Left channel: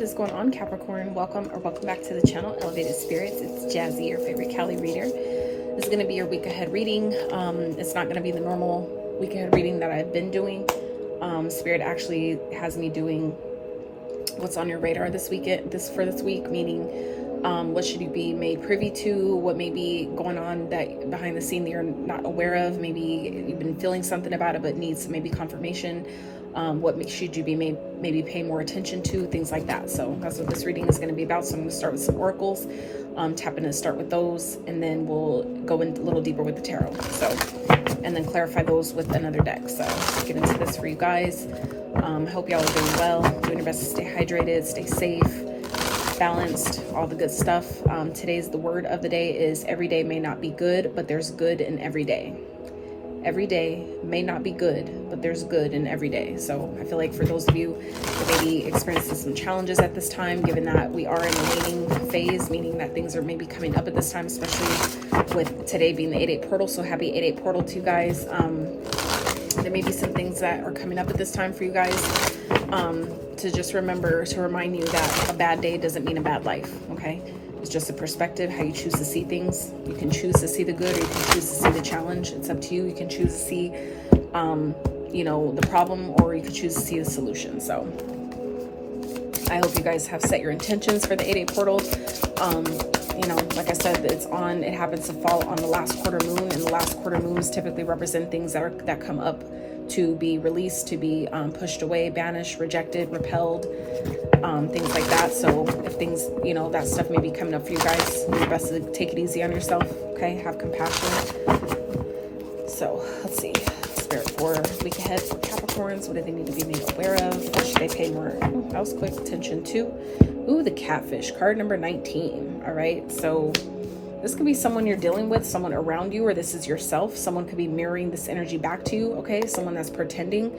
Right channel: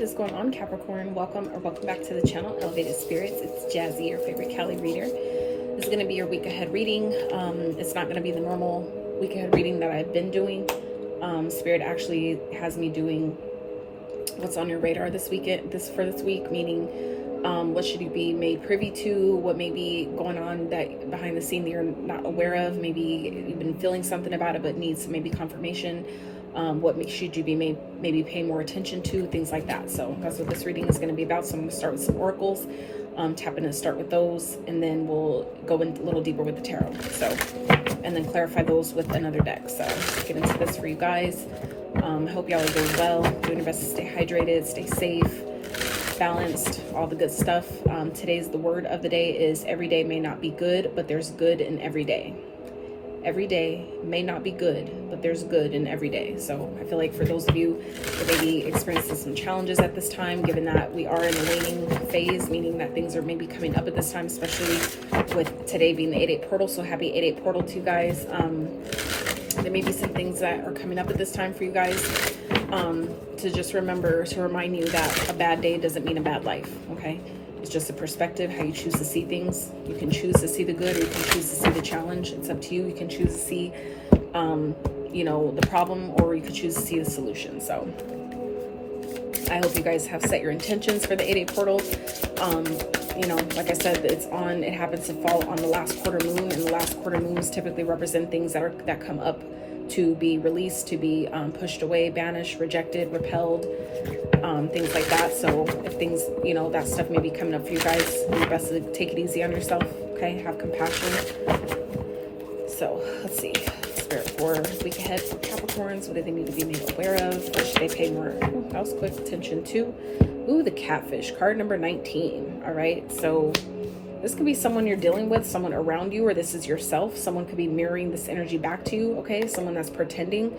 what is going on, Capricorn? Welcome back to the channel, Elevated Spirits. It's Jazzy, your favorite Cali reader. This is going to be your week ahead reading. It's not going to be the normal week ahead reading that I've been doing. Spirit actually has me doing what's on your radar this weekend, for this week, meaning what should you be made privy to, what may be going on that behind the scene that you're not aware of. Maybe you've been feeling something about it but needs maybe confirmation. What should you be maybe pay more attention to, things like that. So that's what this reading is going to be about. So I'm going to start with some oracles, tapping to start with those, and then we'll go in a little deeper with the tarot. So, and then clarify those with another deck. So let's get into this for you guys. Hope y'all are doing well, doing your best to stay hydrated, stay safe, balanced, all the good stuff. The word of the day is every day may not be good, but there's good in every day. Every day may not be good, but there's good in every day. So I feel like for those of you who may be experiencing some challenges at this time, given that we are in a waning phase, meaning that things are maybe coming up at this time, especially with today being the 8/8 portal. So happy 8/8 portal to you guys. There may be some things that are coming up at this time for you guys, to just remember, to remind you that a bad day doesn't mean a bad life, okay? It's just a perspective, how you choose to see things. You can choose to see the good, or you can choose to see the challenge. It's up to you. You can choose to see, the problem, or you can choose to see the solution. So I hope you guys have set your intentions for the 8/8 portal. Like I said, it happens to fall on the last quarter moon, and the last quarter moons typically represent things that come up to be released, to be pushed away, banished, rejected, repelled, things like that. So if things, that stuff may be coming up for you guys, do your best to take it easy on yourself, okay? Have compassion. So let's see. Spirit for week ahead for Capricorns. What do they need to be made aware of? What should they pay more? That was quick attention to. Ooh, the catfish, card number 19. All right. So this could be someone you're dealing with, someone around you, or this is yourself. Someone could be mirroring this energy back to you, okay? Someone that's pretending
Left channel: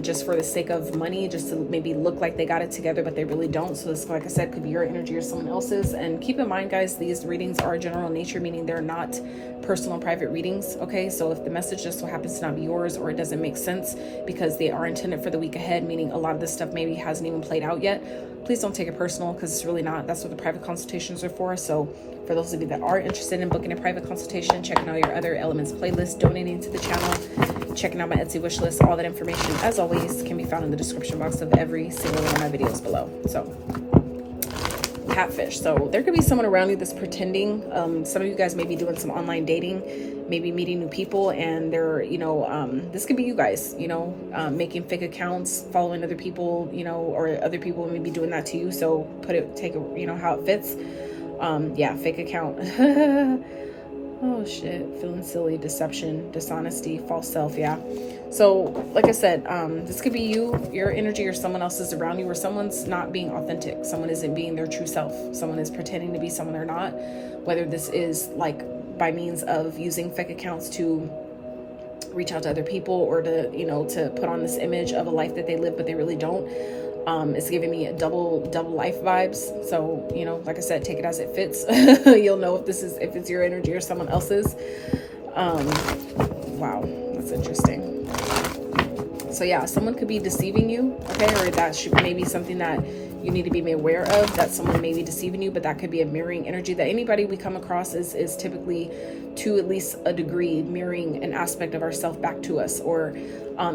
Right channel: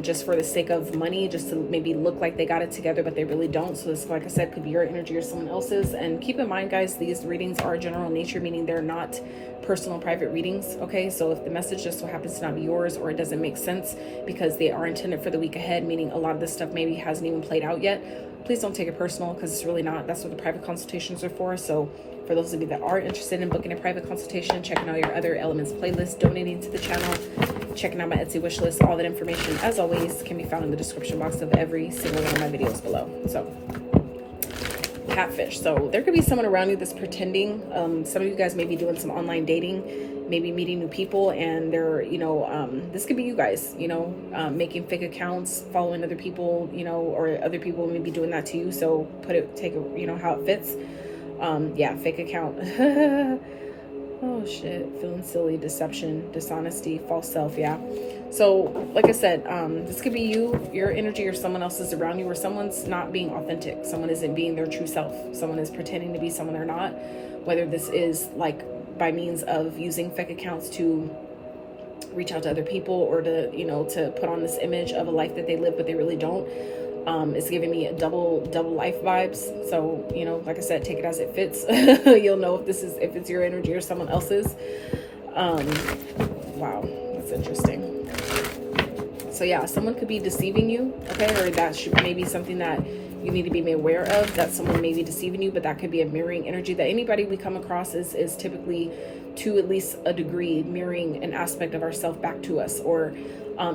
just for the sake of money, just to maybe look like they got it together, but they really don't. So this, like I said, could be your energy or someone else's. And keep in mind, guys, these readings are general in nature, meaning they're not personal private readings, okay? So if the message just so happens to not be yours, or it doesn't make sense because they are intended for the week ahead, meaning a lot of this stuff maybe hasn't even played out yet, please don't take it personal, because it's really not. That's what the private consultations are for. So for those of you that are interested in booking a private consultation, checking out your other elements playlist, donating to the channel, checking out my Etsy wish list, all that information, as always, can be found in the description box of every single one of my videos below. So catfish. So there could be someone around you that's pretending. Some of you guys may be doing some online dating, maybe meeting new people, and they're, this could be you guys, making fake accounts, following other people, or other people may be doing that to you. So take it, how it fits. Fake account. Oh shit, feeling silly, deception, dishonesty, false self. Yeah. So like I said, this could be you, your energy, or someone else is around you, or someone's not being authentic. Someone isn't being their true self. Someone is pretending to be someone they're not, whether this is like by means of using fake accounts to reach out to other people, or to, to put on this image of a life that they live, but they really don't. It's giving me a double life vibes. So, like I said, take it as it fits. You'll know if it's your energy or someone else's. Wow, that's interesting. So yeah, someone could be deceiving you, okay? Or that should maybe something that you need to be made aware of, that someone may be deceiving you, but that could be a mirroring energy. That anybody we come across is typically, to at least a degree, mirroring an aspect of ourselves back to us, or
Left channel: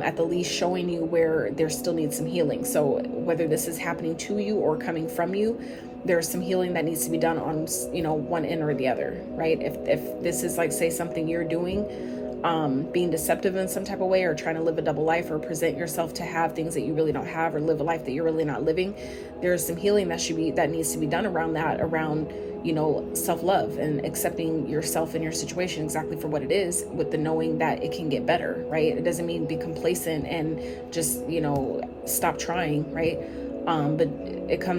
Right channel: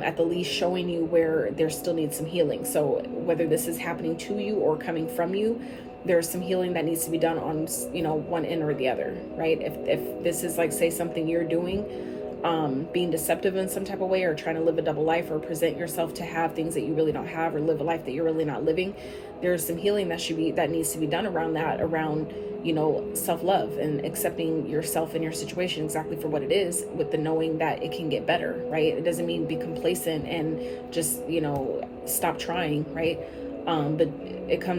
at the least showing you where there still needs some healing. So whether this is happening to you or coming from you, there's some healing that needs to be done on, one end or the other, right? If this is like, say, something you're doing, being deceptive in some type of way, or trying to live a double life, or present yourself to have things that you really don't have, or live a life that you're really not living, there's some healing that needs to be done around that, around self-love and accepting yourself and your situation exactly for what it is, with the knowing that it can get better, right? It doesn't mean be complacent and just, stop trying, right? But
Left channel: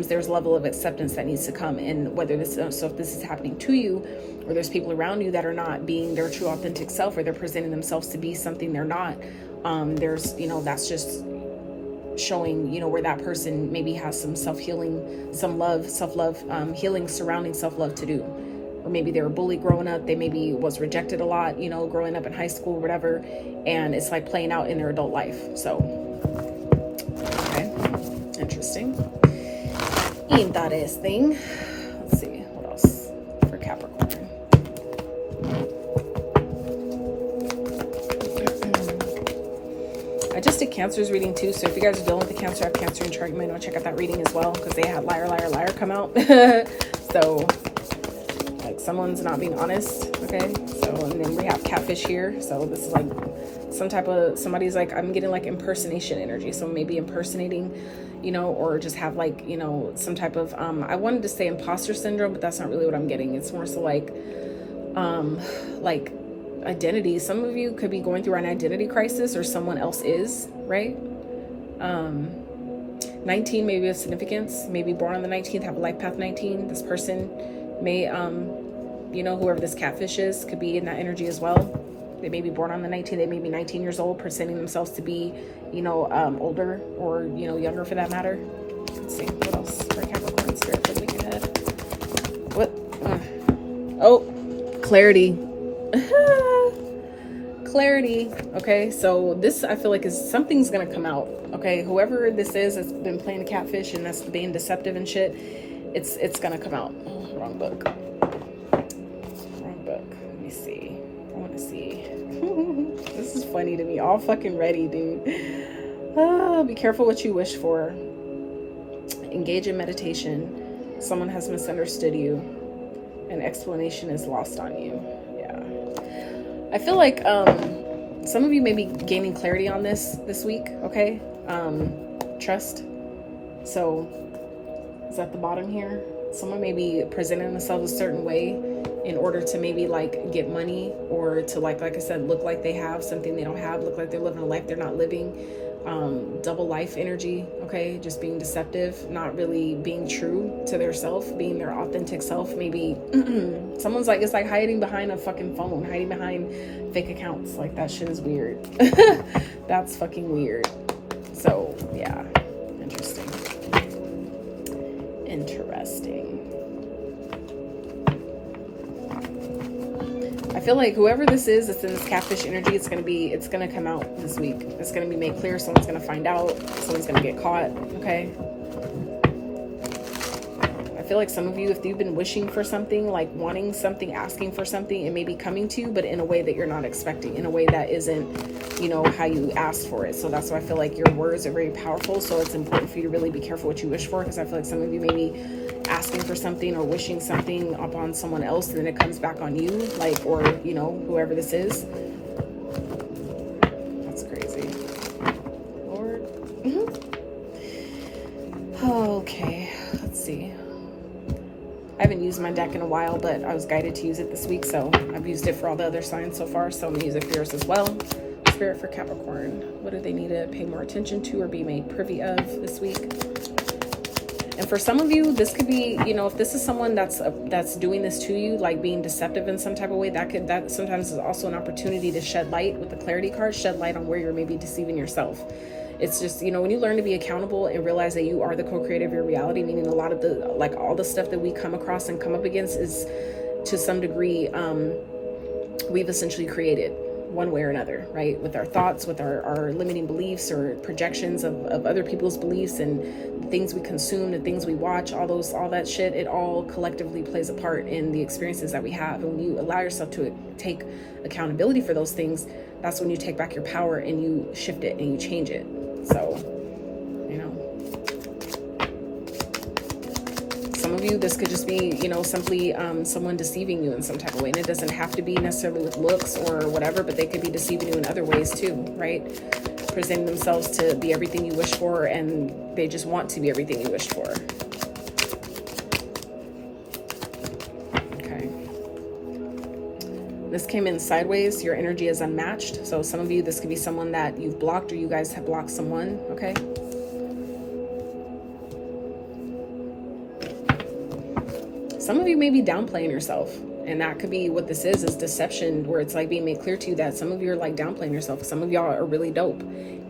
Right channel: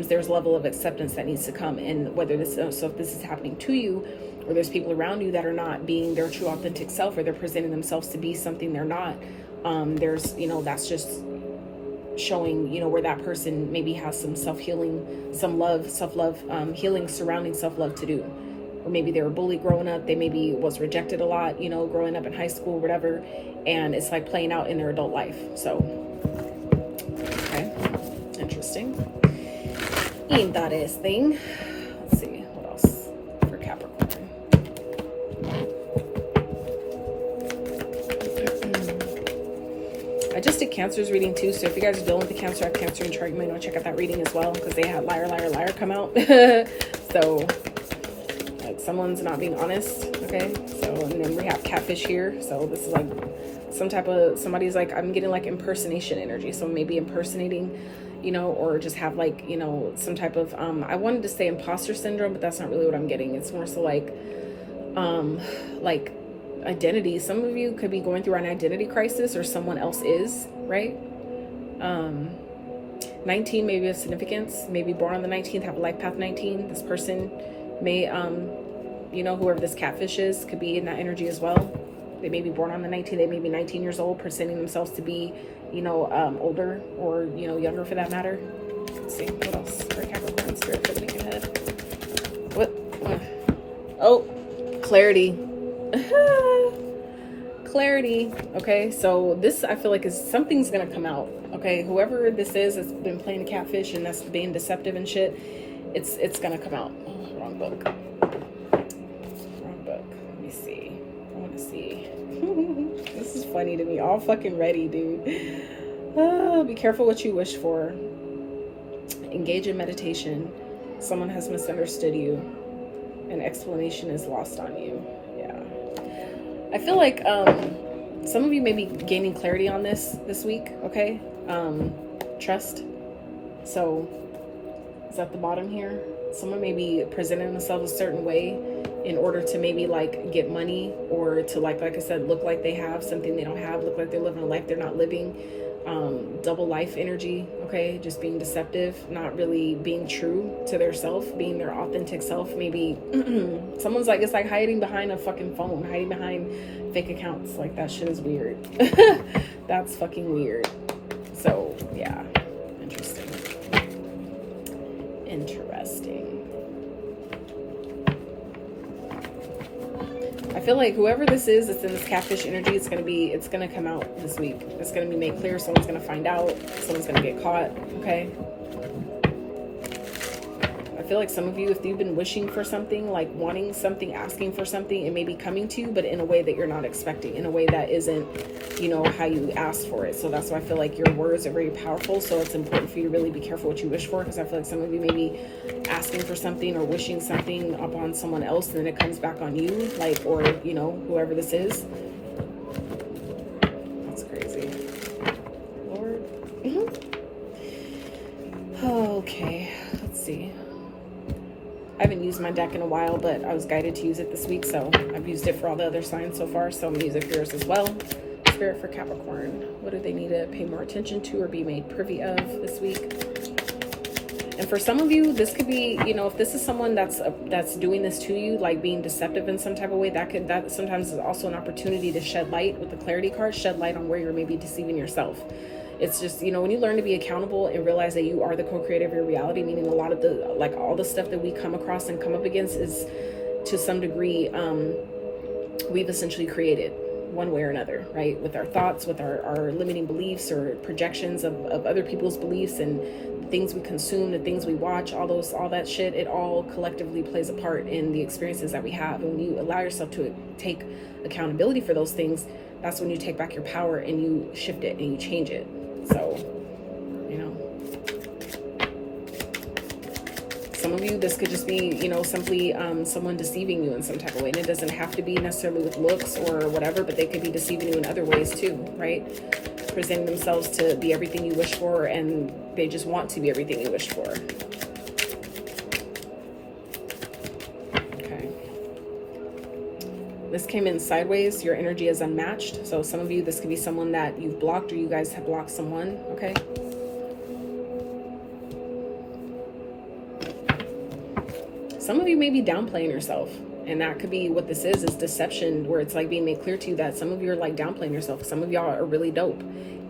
there's a level of acceptance that needs to come. And whether if this is happening to you, or there's people around you that are not being their true authentic self, or they're presenting themselves to be something they're not, there's, that's just showing, where that person maybe has some self-healing, some love, self-love, healing surrounding self-love to do. Or maybe they were bullied growing up, they maybe was rejected a lot, growing up in high school, whatever, and it's like playing out in their adult life. So, okay, interesting. Interesting. Let's see what else for Capricorn. I just did Cancer's reading too, so if you guys are dealing with the Cancer, have Cancer in chart, you might want to check out that reading as well, because they had liar, liar, liar come out. So, like, someone's not being honest, okay? So, and then we have catfish here. So this is like some type of, somebody's like, I'm getting like impersonation energy. So maybe impersonating, you know, or just have like, you know, some type of, I wanted to say imposter syndrome, but that's not really what I'm getting. It's more so like identity. Some of you could be going through an identity crisis, or someone else is, right? 19 may be of significance, maybe born on the 19th, have a life path 19. This person may, you know, whoever this catfish is could be in that energy as well. They may be born on the 19th, they may be 19 years old, presenting themselves to be, you know, older or, you know, younger for that matter. Let's see, what else? Capricorn spirit for the week ahead. What? Oh, clarity. Clarity. Okay, so this, I feel like, is something's gonna come out. Okay, whoever this is that's been playing the catfish and that's being deceptive and shit, it's gonna come out. Wrong book. Wrong book. Let me see. I want to see. This is funny to me. All fucking ready, dude. Be careful what you wish for. Engage in meditation. Someone has misunderstood you. An explanation is lost on you. I feel like some of you may be gaining clarity on this week, okay? Trust. So, is at the bottom here. Someone may be presenting themselves a certain way in order to maybe like get money, or to like I said, look like they have something they don't have, look like they're living a life they're not living. Double life energy, okay? Just being deceptive, not really being true to their self, being their authentic self. Maybe someone's like, it's like hiding behind a fucking phone, hiding behind fake accounts. Like, that shit is weird. That's fucking weird. So yeah, interesting. I feel like whoever this is that's in this catfish energy, it's gonna come out this week. It's gonna be made clear. Someone's gonna find out. Someone's gonna get caught. Okay. I feel like some of you, if you've been wishing for something, like wanting something, asking for something, it may be coming to you, but in a way that you're not expecting, in a way that isn't, you know, how you asked for it. So that's why I feel like your words are very powerful. So it's important for you to really be careful what you wish for, because I feel like some of you may be asking for something or wishing something upon someone else, and then it comes back on you, like, or, you know, whoever this is. That's crazy. Lord. Okay, let's see. I haven't used my deck in a while, but I was guided to use it this week, so I've used it for all the other signs so far, so I'm gonna use it for yours as well. Spirit for Capricorn. What do they need to pay more attention to or be made privy of this week? And for some of you, this could be, you know, if this is someone that's doing this to you, like being deceptive in some type of way, that sometimes is also an opportunity to shed light with the clarity card, shed light on where you're maybe deceiving yourself. It's just, you know, when you learn to be accountable and realize that you are the co-creator of your reality, meaning a lot of the, like, all the stuff that we come across and come up against is to some degree, we've essentially created one way or another, right? With our thoughts, with our limiting beliefs or projections of other people's beliefs, and the things we consume, the things we watch, all that shit, it all collectively plays a part in the experiences that we have. And when you allow yourself to take accountability for those things, that's when you take back your power and you shift it and you change it. So, you know, some of you, this could just be, you know, simply someone deceiving you in some type of way. And it doesn't have to be necessarily with looks or whatever, but they could be deceiving you in other ways too, right? Presenting themselves to be everything you wish for, and they just want to be everything you wish for. Okay. This came in sideways. Your energy is unmatched. So some of you, this could be someone that you've blocked, or you guys have blocked someone, okay? Some of you may be downplaying yourself, and that could be what this is deception, where it's like being made clear to you that some of you are like downplaying yourself. Some of y'all are really dope,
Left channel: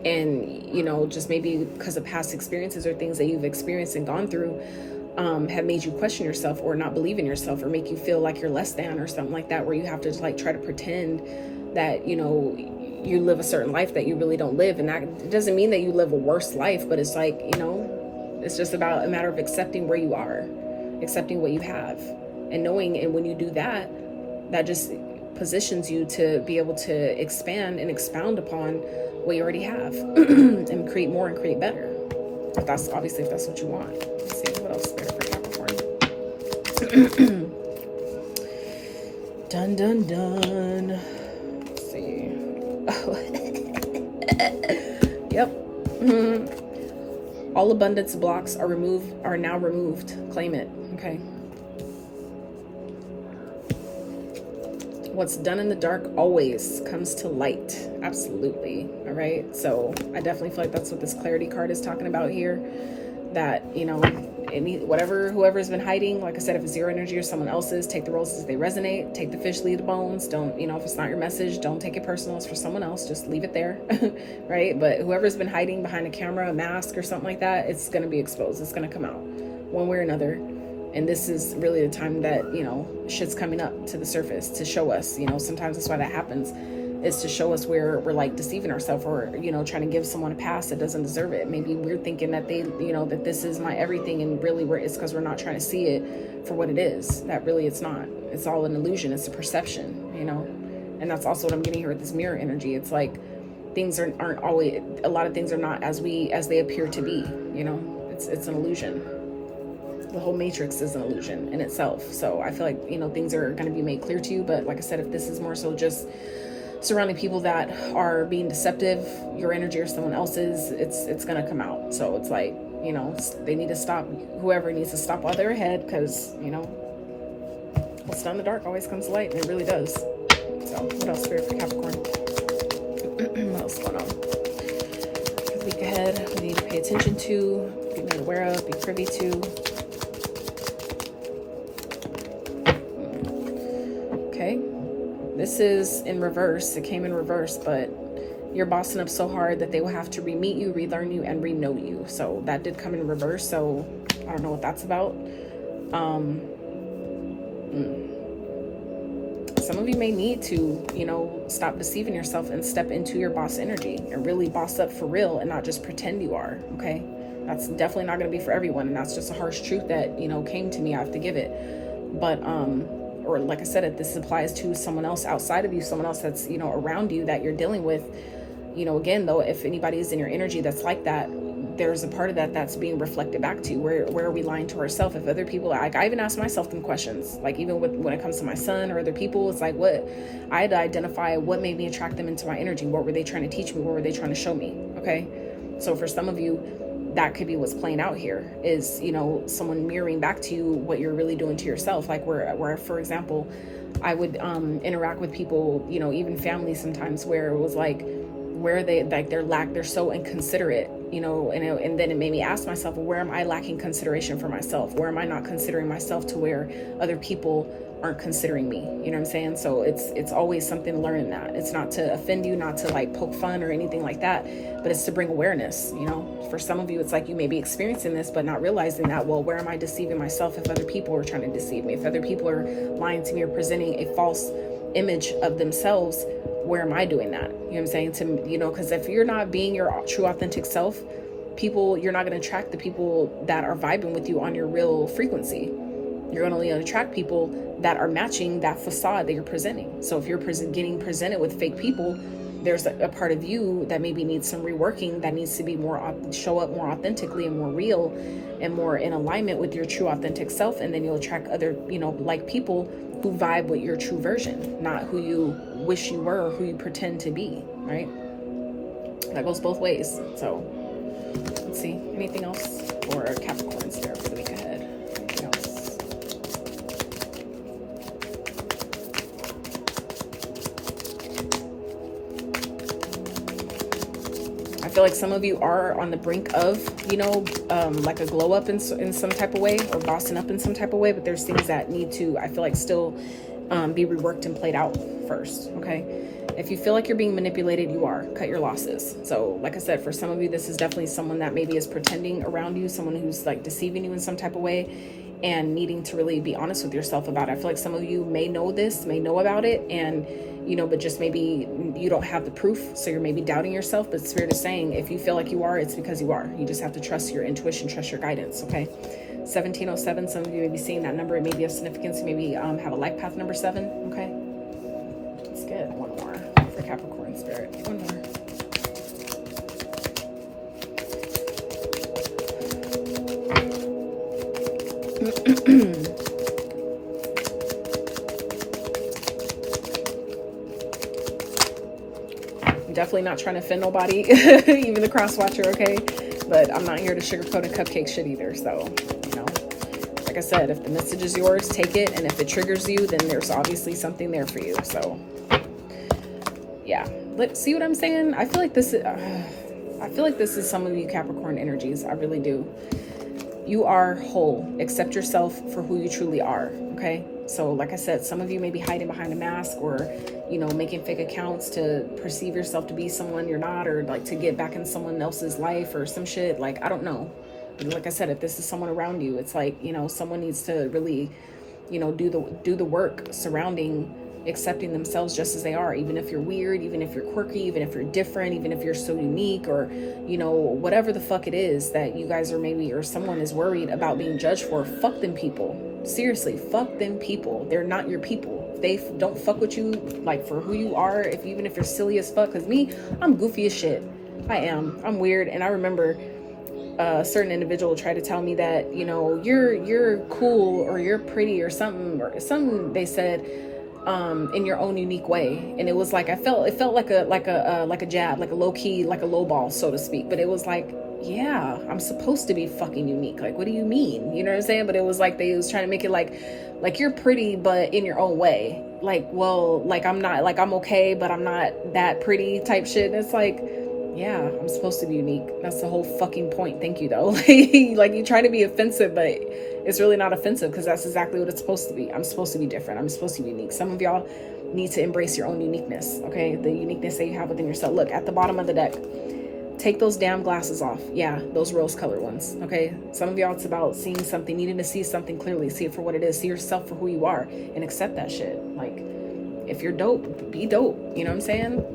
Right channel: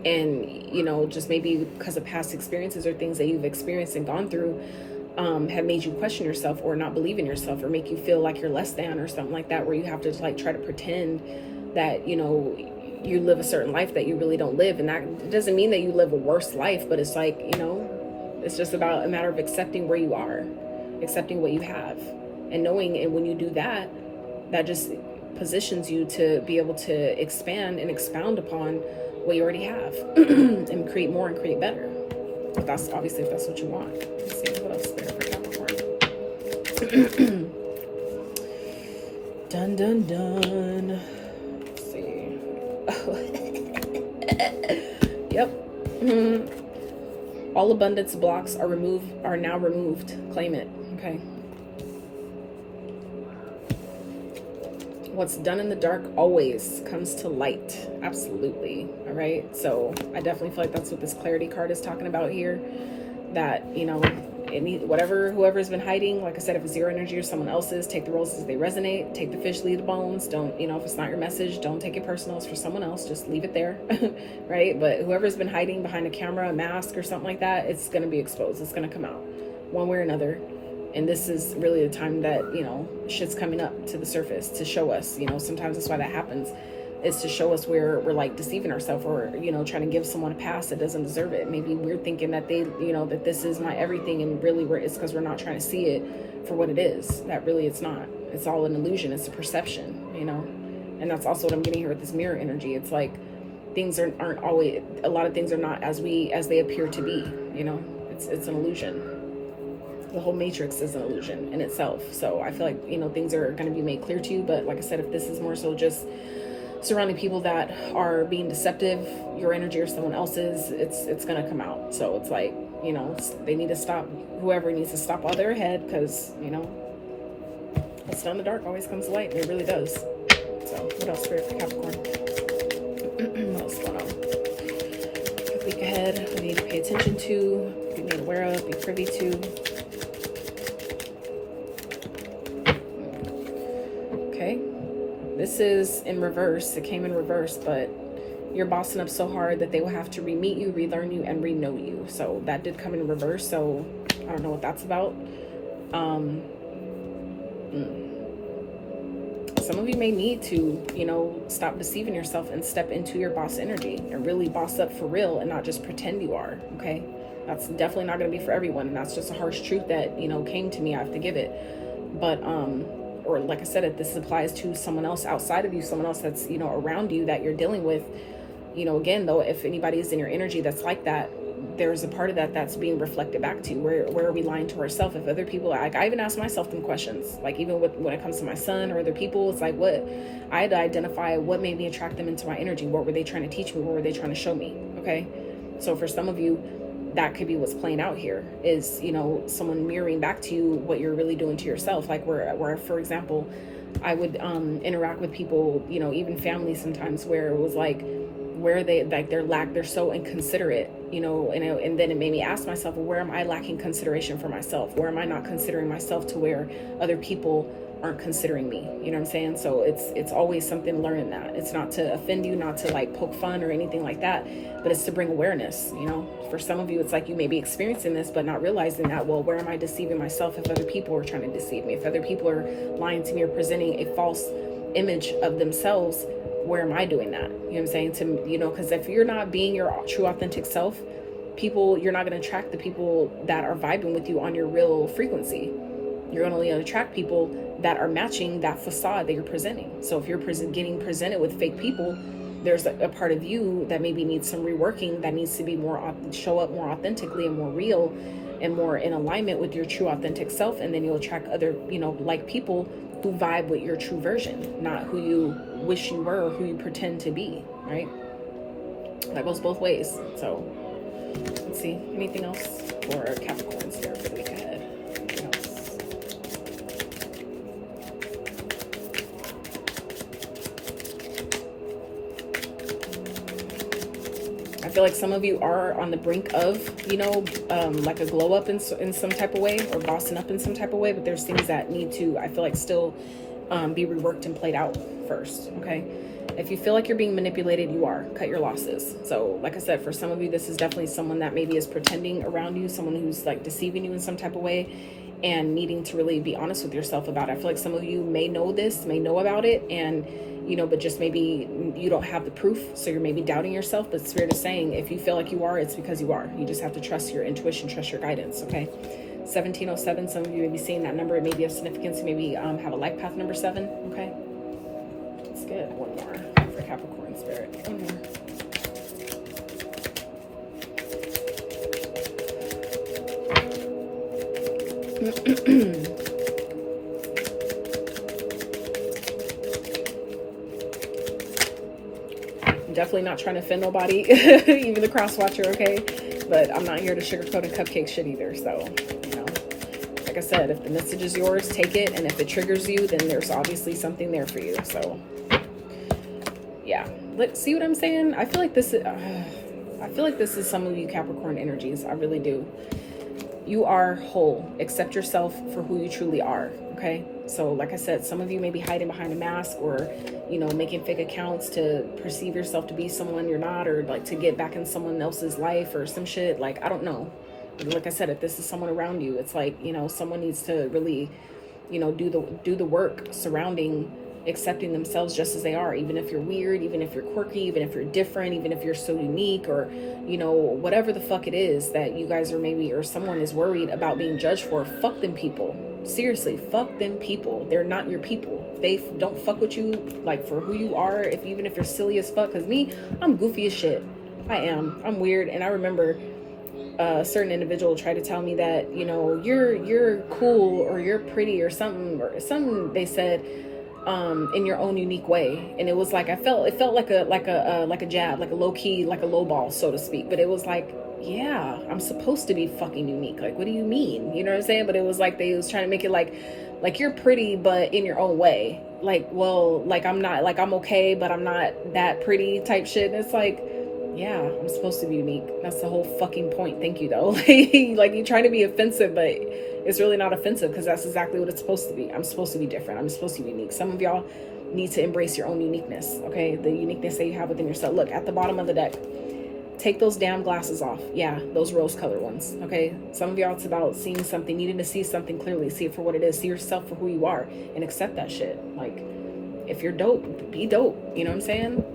and, you know, just maybe because of past experiences or things that you've experienced and gone through, have made you question yourself or not believe in yourself, or make you feel like you're less than or something like that, where you have to like try to pretend that, you know, you live a certain life that you really don't live. And that, it doesn't mean that you live a worse life, but it's like, you know, It's just about a matter of accepting where you are, accepting what you have, and knowing. And when you do that, that just positions you to be able to expand and expound upon what you already have and create more and create better. If that's obviously, if that's what you want. Let's see what else there for Capricorn. Dun dun dun. Let's see. Yep. All abundance blocks are now removed. Claim it. Okay. What's done in the dark always comes to light. Absolutely. All right. So I definitely feel like that's what this clarity card is talking about here. That, you know, whoever's been hiding, like I said, if it's your energy or someone else's, take the roles as they resonate. Take the fish, leave the bones. Don't, you know, if it's not your message, don't take it personal. It's for someone else. Just leave it there. Right. But whoever's been hiding behind a camera, a mask or something like that, it's going to be exposed. It's going to come out one way or another. And this is really the time that, you know, shit's coming up to the surface to show us, you know, sometimes that's why that happens, is to show us where we're like deceiving ourselves, or, you know, trying to give someone a pass that doesn't deserve it. Maybe we're thinking that they, you know, that this is my everything, and really it's because we're not trying to see it for what it is. That really it's not. It's all an illusion. It's a perception, you know. And that's also what I'm getting here with this mirror energy. It's like things aren't always, a lot of things are not as they appear to be, you know. It's an illusion. The whole matrix is an illusion in itself. So I feel like, you know, things are going to be made clear to you. But like I said, if this is more so just surrounding people that are being deceptive, your energy or someone else's, it's going to come out. So it's like, you know, they need to stop. Whoever needs to stop while they're ahead, because, you know, what's done in the dark always comes to light, and it really does. So what else, Spirit for Capricorn? What else is going on? The week ahead, we need to pay attention to, be made aware of, be privy to. This is in reverse. It came in reverse, but you're bossing up so hard that they will have to re-meet you, relearn you, and re-know you. So that did come in reverse. So I don't know what that's about. Some of you may need to, you know, stop deceiving yourself and step into your boss energy and really boss up for real and not just pretend you are. Okay. That's definitely not going to be for everyone. And that's just a harsh truth that, you know, came to me. I have to give it. But, or like I said, if this applies to someone else outside of you, someone else that's, you know, around you that you're dealing with, you know, again, though, if anybody is in your energy that's like that, there's a part of that that's being reflected back to you. Where are we lying to ourselves? If other people, like, I even ask myself them questions, like even when it comes to my son or other people, it's like, what I had to identify what made me attract them into my energy. What were they trying to teach me? What were they trying to show me? Okay. So for some of you, that could be what's playing out here, is, you know, someone mirroring back to you what you're really doing to yourself. Like where for example, I would interact with people, you know, even family sometimes, where it was like, where they, like, they're so inconsiderate, you know, and then it made me ask myself, well, where am I lacking consideration for myself? Where am I not considering myself to where other people aren't considering me? You know what I'm saying? So it's always something learning that. It's not to offend you, not to like poke fun or anything like that, but it's to bring awareness. You know, for some of you, it's like you may be experiencing this, but not realizing that, well, where am I deceiving myself if other people are trying to deceive me? If other people are lying to me or presenting a false image of themselves, where am I doing that? You know what I'm saying? To, you know, because if you're not being your true authentic self, you're not going to attract the people that are vibing with you on your real frequency. You're going to only attract people that are matching that facade that you're presenting. So if you're getting presented with fake people, there's a part of you that maybe needs some reworking, that needs to be show up more authentically and more real and more in alignment with your true authentic self. And then you'll attract other, you know, like people who vibe with your true version, not who you wish you were or who you pretend to be, right? That goes both ways. So let's see, anything else for Capricorns there for the week ahead? Anything else? I feel like some of you are on the brink of, you know, like a glow up in some type of way, or bossing up in some type of way, but there's things that need to, I feel like, still be reworked and played out first. Okay. If you feel like you're being manipulated, you are. Cut your losses. So like I said, for some of you, this is definitely someone that maybe is pretending around you, someone who's like deceiving you in some type of way. and needing to really be honest with yourself about it. I feel like some of you may know about it, and but just maybe you don't have the proof, so you're maybe doubting yourself. But Spirit is saying, if you feel like you are, it's because you are. You just have to trust your intuition, trust your guidance, okay? 1707, some of you may be seeing that number. It may be of significance. You maybe have a life path number 7, okay? Let's get one more for Capricorn Spirit. One more. I'm definitely not trying to offend nobody, even the cross watcher, okay? But I'm not here to sugarcoat and cupcake shit either. So, like I said, if the message is yours, take it. And if it triggers you, then there's obviously something there for you. So, yeah. Let's see what I'm saying. I feel like this is some of you Capricorn energies. I really do. You are whole. Accept yourself for who you truly are, okay? So like I said, some of you may be hiding behind a mask, or making fake accounts to perceive yourself to be someone you're not, or like to get back in someone else's life or some shit. Like, I don't know. Like I said, if this is someone around you, it's like, someone needs to really, do the work surrounding accepting themselves just as they are, even if you're weird, even if you're quirky, even if you're different, even if you're so unique, or whatever the fuck it is that you guys are maybe, or someone is worried about being judged for. Fuck them people. Seriously, fuck them people. They're not your people. They don't fuck with you like for who you are, even if you're silly as fuck. Because me, I'm goofy as shit. I'm weird. And I remember a certain individual tried to tell me that you're cool, or you're pretty, or something they said in your own unique way. And it was like, it felt like a jab, like a low key, like a low ball, so to speak. But it was like, yeah, I'm supposed to be fucking unique. Like, what do you mean? You know what I'm saying? But it was like, they was trying to make it like you're pretty, but in your own way. Like, well, like I'm not, like I'm okay, but I'm not that pretty type shit. And it's like, yeah, I'm supposed to be unique. That's the whole fucking point. Thank you though. Like you're trying to be offensive, but it's really not offensive, because that's exactly what it's supposed to be. I'm supposed to be different. I'm supposed to be unique. Some of y'all need to embrace your own uniqueness, okay? The uniqueness that you have within yourself. Look, at the bottom of the deck, take those damn glasses off. Yeah, those rose-colored ones, okay? Some of y'all, it's about seeing something, needing to see something clearly, see it for what it is, see yourself for who you are, and accept that shit. Like, if you're dope, be dope. You know what I'm saying?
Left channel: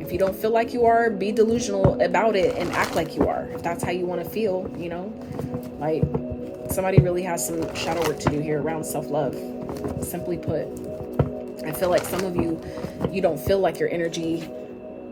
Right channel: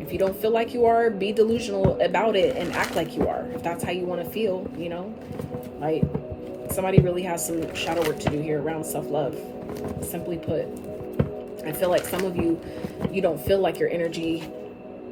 If you don't feel like you are, be delusional about it and act like you are. If that's how you want to feel, like, somebody really has some shadow work to do here around self-love. Simply put, I feel like some of you don't feel like your energy,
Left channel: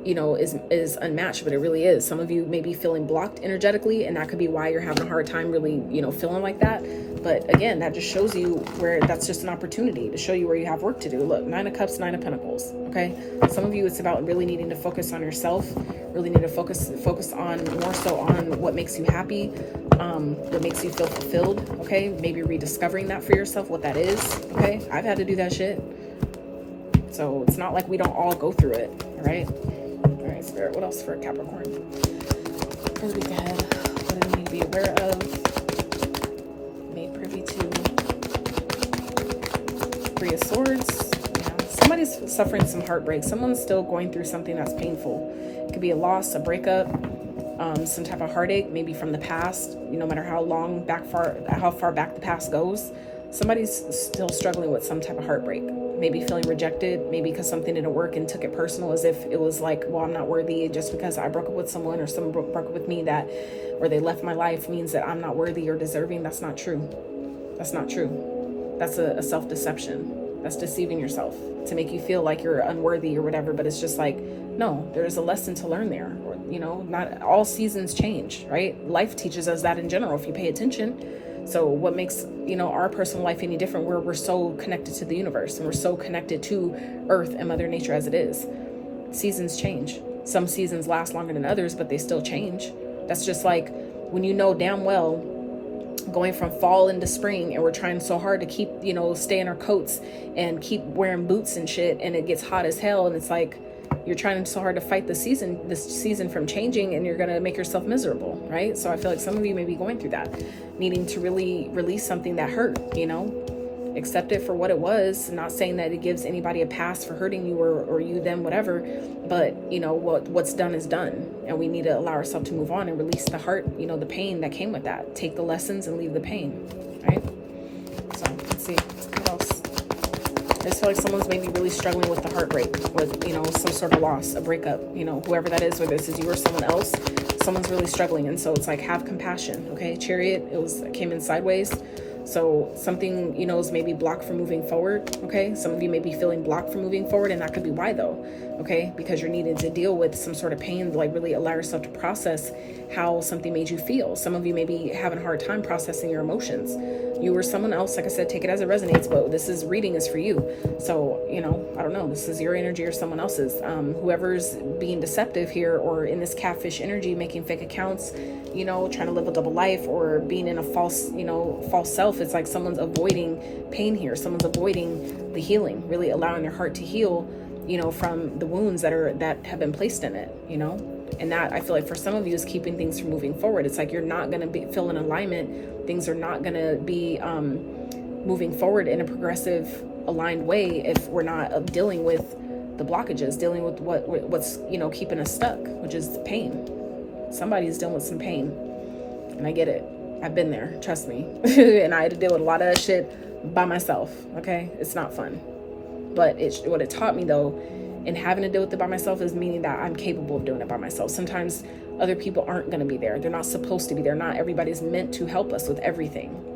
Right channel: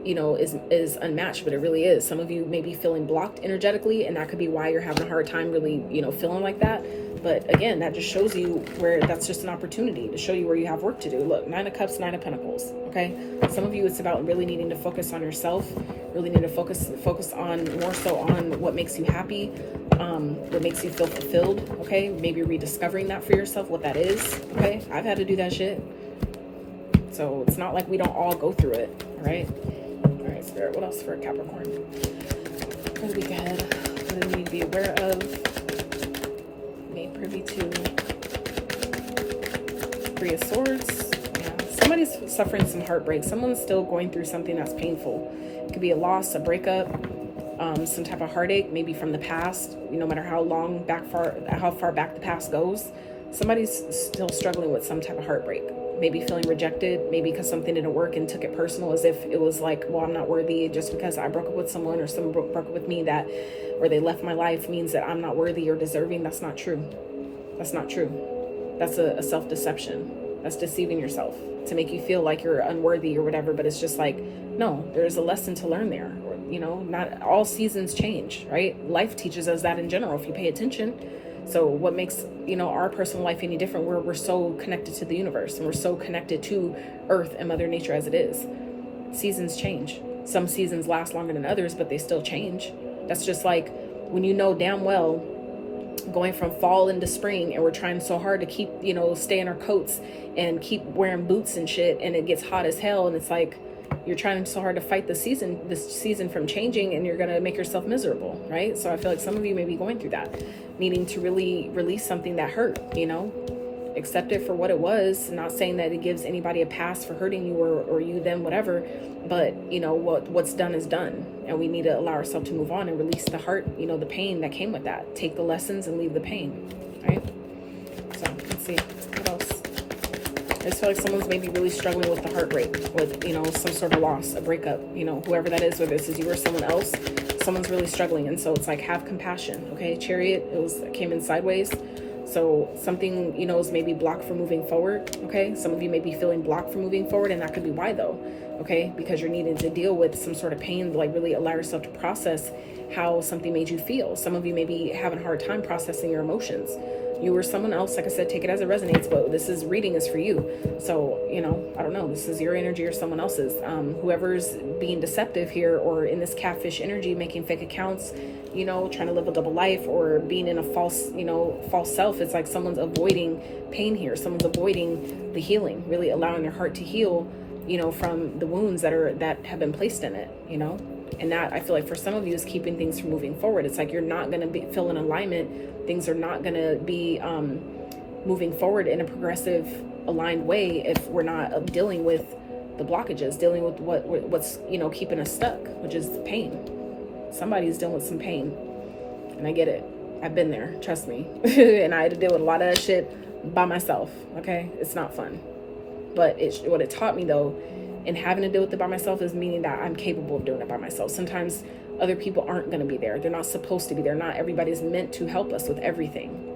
is unmatched, but it really is. Some of you may be feeling blocked energetically, and that could be why you're having a hard time really, feeling like that. But again, that just shows you where that's just an opportunity to show you where you have work to do. Look, 9 of Cups, 9 of Pentacles, okay? Some of you, it's about really needing to focus on yourself, really need to focus on more so on what makes you happy, what makes you feel fulfilled, okay? Maybe rediscovering that for yourself, what that is, okay? I've had to do that shit. So it's not like we don't all go through it, all right? All right, Spirit, what else for Capricorn? For the week ahead, what do we need to be aware of? Made privy to 3 of Swords. Man, somebody's suffering some heartbreak. Someone's still going through something that's painful. It could be a loss, a breakup, some type of heartache, maybe from the past. No matter how far back the past goes, somebody's still struggling with some type of heartbreak. Maybe feeling rejected, maybe because something didn't work and took it personal, as if it was like, well, I'm not worthy just because I broke up with someone, or someone broke up with me, or they left my life means that I'm not worthy or deserving. That's not true. That's not true. That's a self-deception. That's deceiving yourself to make you feel like you're unworthy or whatever. But it's just like, no, there's a lesson to learn there. Not all seasons change, right? Life teaches us that in general, if you pay attention. So what makes, our personal life any different? We're so connected to the universe, and we're so connected to Earth and Mother Nature as it is. Seasons change. Some seasons last longer than others, but they still change. That's just like when damn well going from fall into spring, and we're trying so hard to keep, stay in our coats and keep wearing boots and shit, and it gets hot as hell, and it's like you're trying so hard to fight this season from changing, and you're going to make yourself miserable, right? So I feel like some of you may be going through that, needing to really release something that hurt, accept it for what it was. I'm not saying that it gives anybody a pass for hurting you or you, them, whatever. But, you know, what's done is done. And we need to allow ourselves to move on and release the hurt, you know, the pain that came with that. Take the lessons and leave the pain, right? So let's see. What else? I just feel like someone's maybe really struggling with the heartbreak, with, you know, some sort of loss, a breakup, you know, whoever that is, whether this is you or someone else, someone's really struggling. And so it's like, have compassion, okay? Chariot, it came in sideways. So something, you know, is maybe blocked from moving forward, okay? Some of you may be feeling blocked from moving forward, and that could be why, though, okay? Because you're needing to deal with some sort of pain, like really allow yourself to process how something made you feel. Some of you may be having a hard time processing your emotions. You or someone else, like I said, take it as it resonates, but this reading is for you. So, you know, I don't know, this is your energy or someone else's. Whoever's being deceptive here, or in this catfish energy, making fake accounts, you know, trying to live a double life, or being in a false, you know, false self. It's like someone's avoiding pain here. Someone's avoiding the healing, really allowing their heart to heal, you know, from the wounds that have been placed in it, you know. And that, I feel like for some of you, is keeping things from moving forward. It's like you're not going to feel in alignment. Things are not going to be moving forward in a progressive, aligned way if we're not dealing with the blockages, dealing with what's, you know, keeping us stuck, which is the pain. Somebody's dealing with some pain, and I get it. I've been there, trust me. And I had to deal with a lot of shit by myself, okay? It's not fun. But what it taught me, though, in having to deal with it by myself, is meaning that I'm capable of doing it by myself. Sometimes other people aren't going to be there. They're not supposed to be there. Not everybody's meant to help us with everything.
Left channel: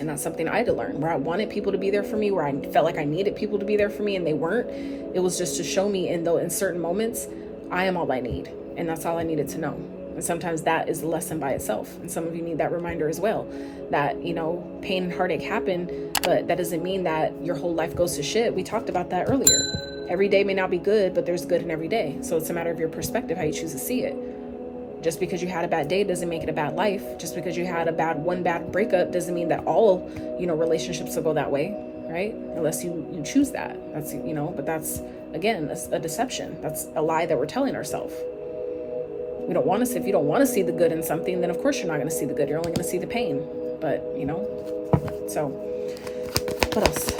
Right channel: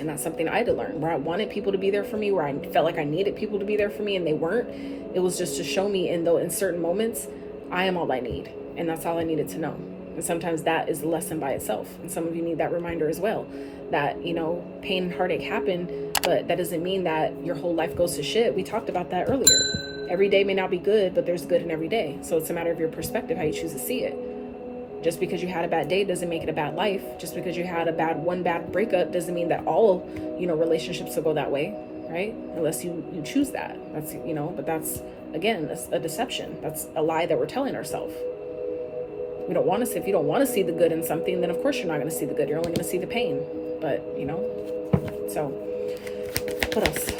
And that's something I had to learn, where I wanted people to be there for me, where I felt like I needed people to be there for me, and they weren't. It was just to show me, in certain moments, I am all I need. And that's all I needed to know. And sometimes that is a lesson by itself. And some of you need that reminder as well, that, you know, pain and heartache happen, but that doesn't mean that your whole life goes to shit. We talked about that earlier. Every day may not be good, but there's good in every day. So it's a matter of your perspective, how you choose to see it. Just because you had a bad day doesn't make it a bad life. Just because you had one bad breakup doesn't mean that all, you know, relationships will go that way, right? Unless you choose that. That's, you know, but that's, again, a deception. That's a lie that we're telling ourselves. We don't want to see, if you don't want to see the good in something, then of course you're not going to see the good. You're only going to see the pain. But, you know, so what else?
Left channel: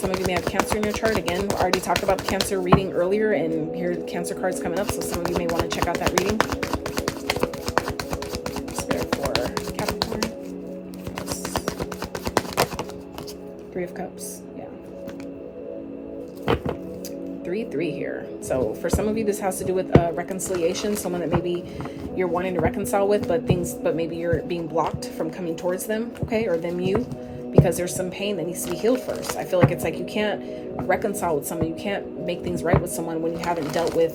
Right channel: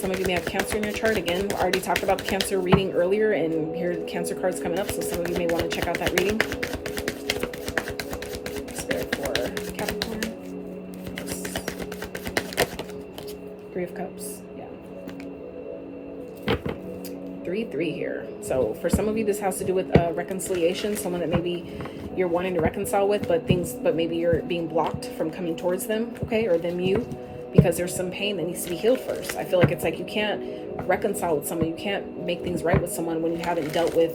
Some of you may have Cancer in your chart. Again, I already talked about the Cancer reading earlier, and here the Cancer card's coming up, so some of you may want to check out that reading. Spirit for Capricorn. 3 of Cups. Yeah. 3 here. So for some of you, this has to do with reconciliation. Someone that maybe you're wanting to reconcile with, but maybe you're being blocked from coming towards them, okay, or them you. Because there's some pain that needs to be healed first. I feel like it's like you can't reconcile with someone, you can't make things right with someone when you haven't dealt with,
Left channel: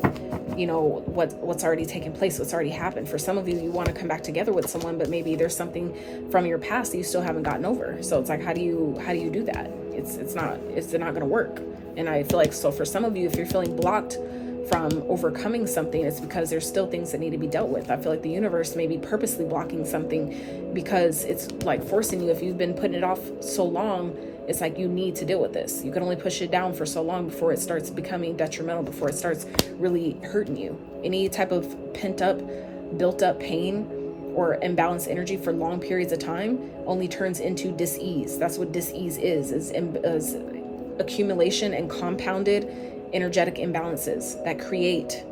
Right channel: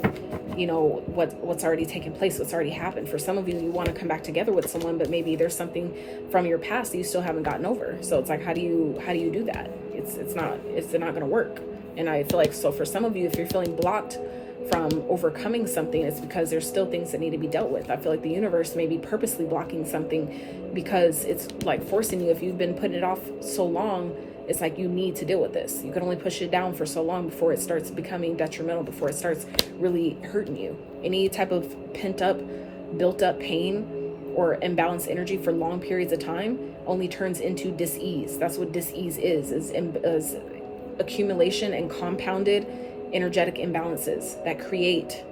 you know, what's already taken place, what's already happened. For some of you, you want to come back together with someone, but maybe there's something from your past that you still haven't gotten over. So it's like, how do you do that? It's not going to work. And I feel like, so for some of you, if you're feeling blocked from overcoming something, it's because there's still things that need to be dealt with. I feel like the universe may be purposely blocking something because it's like forcing you. If you've been putting it off so long, it's like you need to deal with this. You can only push it down for so long before it starts becoming detrimental, before it starts really hurting you. Any type of pent up, built up pain or imbalanced energy for long periods of time only turns into dis-ease. That's what dis-ease is accumulation and compounded energetic imbalances that create,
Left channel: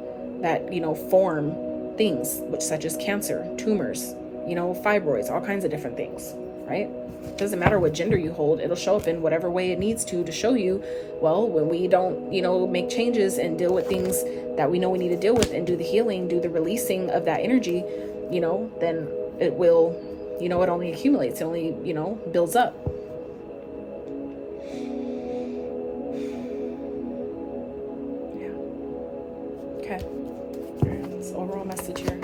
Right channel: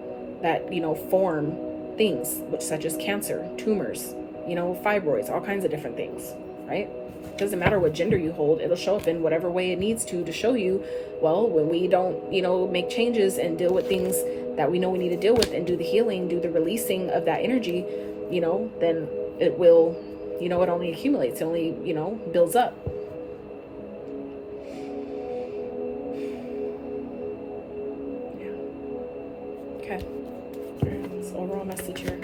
that, you know, form things which, such as cancer, tumors, you know, fibroids, all kinds of different things, right? It doesn't matter what gender you hold, it'll show up in whatever way it needs to show you, well, when we don't, you know, make changes and deal with things that we know we need to deal with and do the healing, do the releasing of that energy, you know, then it will, you know, it only accumulates, it only, you know, builds up. Message here.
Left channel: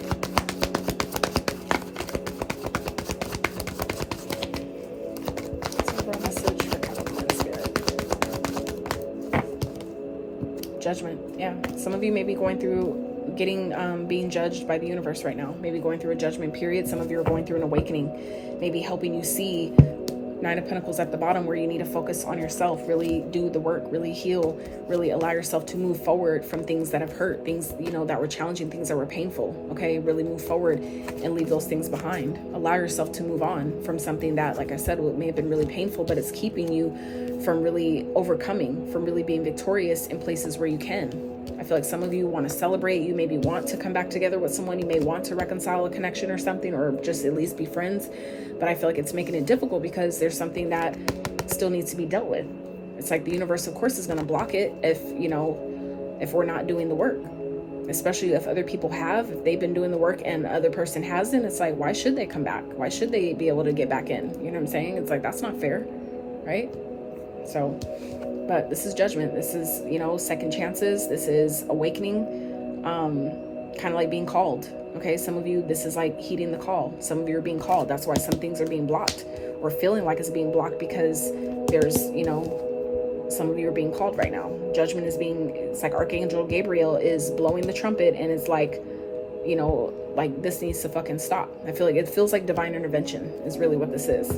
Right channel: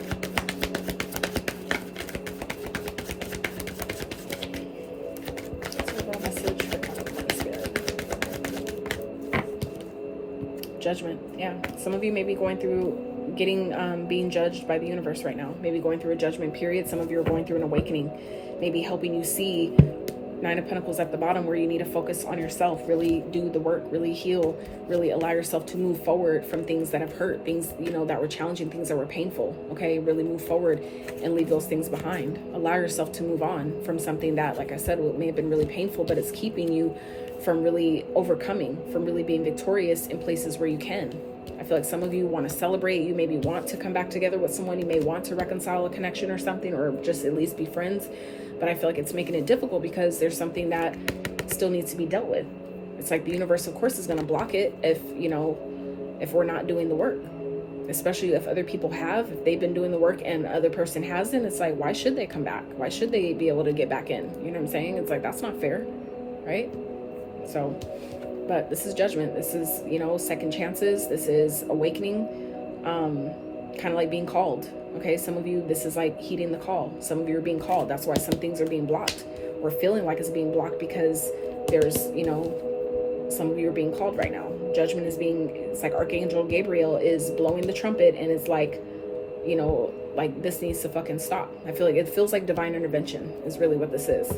Judgment. Yeah, some of you may be going through being judged by the universe right now. Maybe going through a judgment period. Some of you are going through an awakening, maybe helping you see Nine of Pentacles at the bottom, where you need to focus on yourself, really do the work, really heal, really allow yourself to move forward from things that have hurt, things, you know, that were challenging, things that were painful. Okay, really move forward and leave those things behind. Allow yourself to move on from something that, like I said, may have been really painful, but it's keeping you from really overcoming, from really being victorious in places where you can. I feel like some of you want to celebrate. You maybe want to come back together with someone. You may want to reconcile a connection or something, or just at least be friends. But I feel like it's making it difficult because there's something that still needs to be dealt with. It's like the universe, of course, is going to block it if, you know, if we're not doing the work. Especially if other people have, if they've been doing the work and the other person hasn't, it's like, why should they come back? Why should they be able to get back in? You know what I'm saying? It's like, that's not fair, right? So, but this is judgment. This is, you know, second chances. This is awakening, kind of like being called. Okay, some of you, this is like heeding the call. Some of you are being called. That's why some things are being blocked or feeling like it's being blocked, because there's, you know, some of you are being called right now. Judgment is being, it's like Archangel Gabriel is blowing the trumpet, and it's like, you know, like this needs to fucking stop. I feel like it feels like divine intervention is really what this is.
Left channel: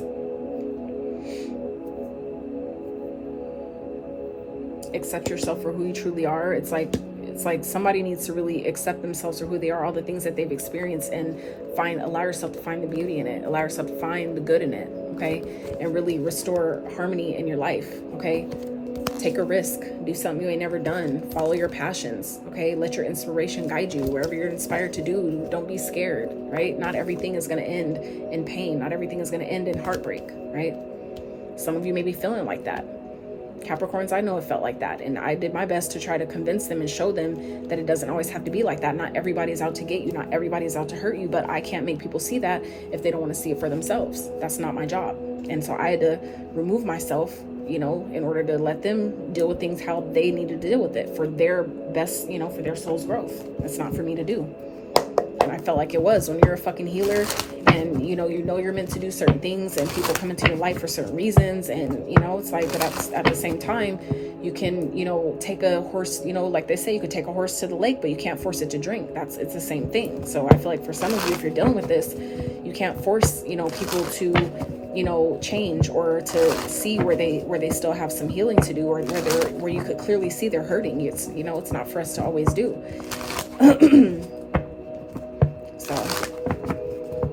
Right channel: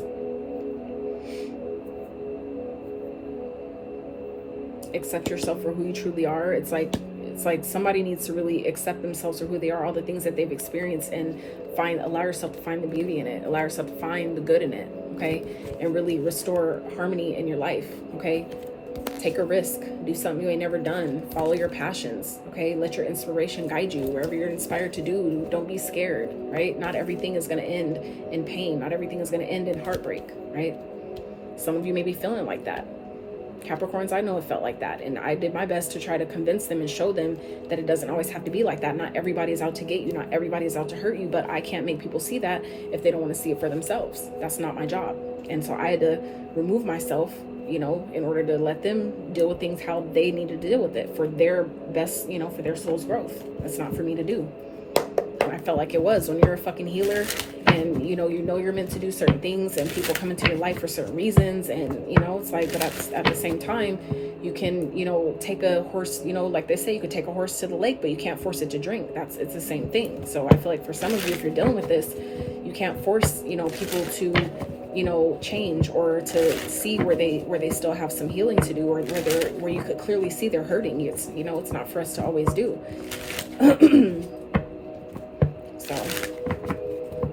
Accept yourself for who you truly are. It's like somebody needs to really accept themselves for who they are, all the things that they've experienced, and allow yourself to find the beauty in it, allow yourself to find the good in it, okay? And really restore harmony in your life, okay? Take a risk, do something you ain't never done, follow your passions, okay? Let your inspiration guide you wherever you're inspired to do. Don't be scared, right? Not everything is going to end in pain. Not everything is going to end in heartbreak, right? Some of you may be feeling like that. Capricorns, I know it felt like that, and I did my best to try to convince them and show them that it doesn't always have to be like that. Not everybody is out to get you, not everybody is out to hurt you, but I can't make people see that if they don't want to see it for themselves. That's not my job. And so I had to remove myself, you know, in order to let them deal with things how they needed to deal with it for their best, you know, for their soul's growth. It's not for me to do. And I felt like it was. When you're a fucking healer and you know you're meant to do certain things, and people come into your life for certain reasons, and you know, it's like, but at the same time, you can, you know, take a horse, you know, like they say, you could take a horse to the lake, but you can't force it to drink. It's the same thing. So I feel like for some of you, if you're dealing with this, you can't force, you know, people to, you know, change, or to see where they still have some healing to do, or where you could clearly see they're hurting. It's, you know, it's not for us to always do.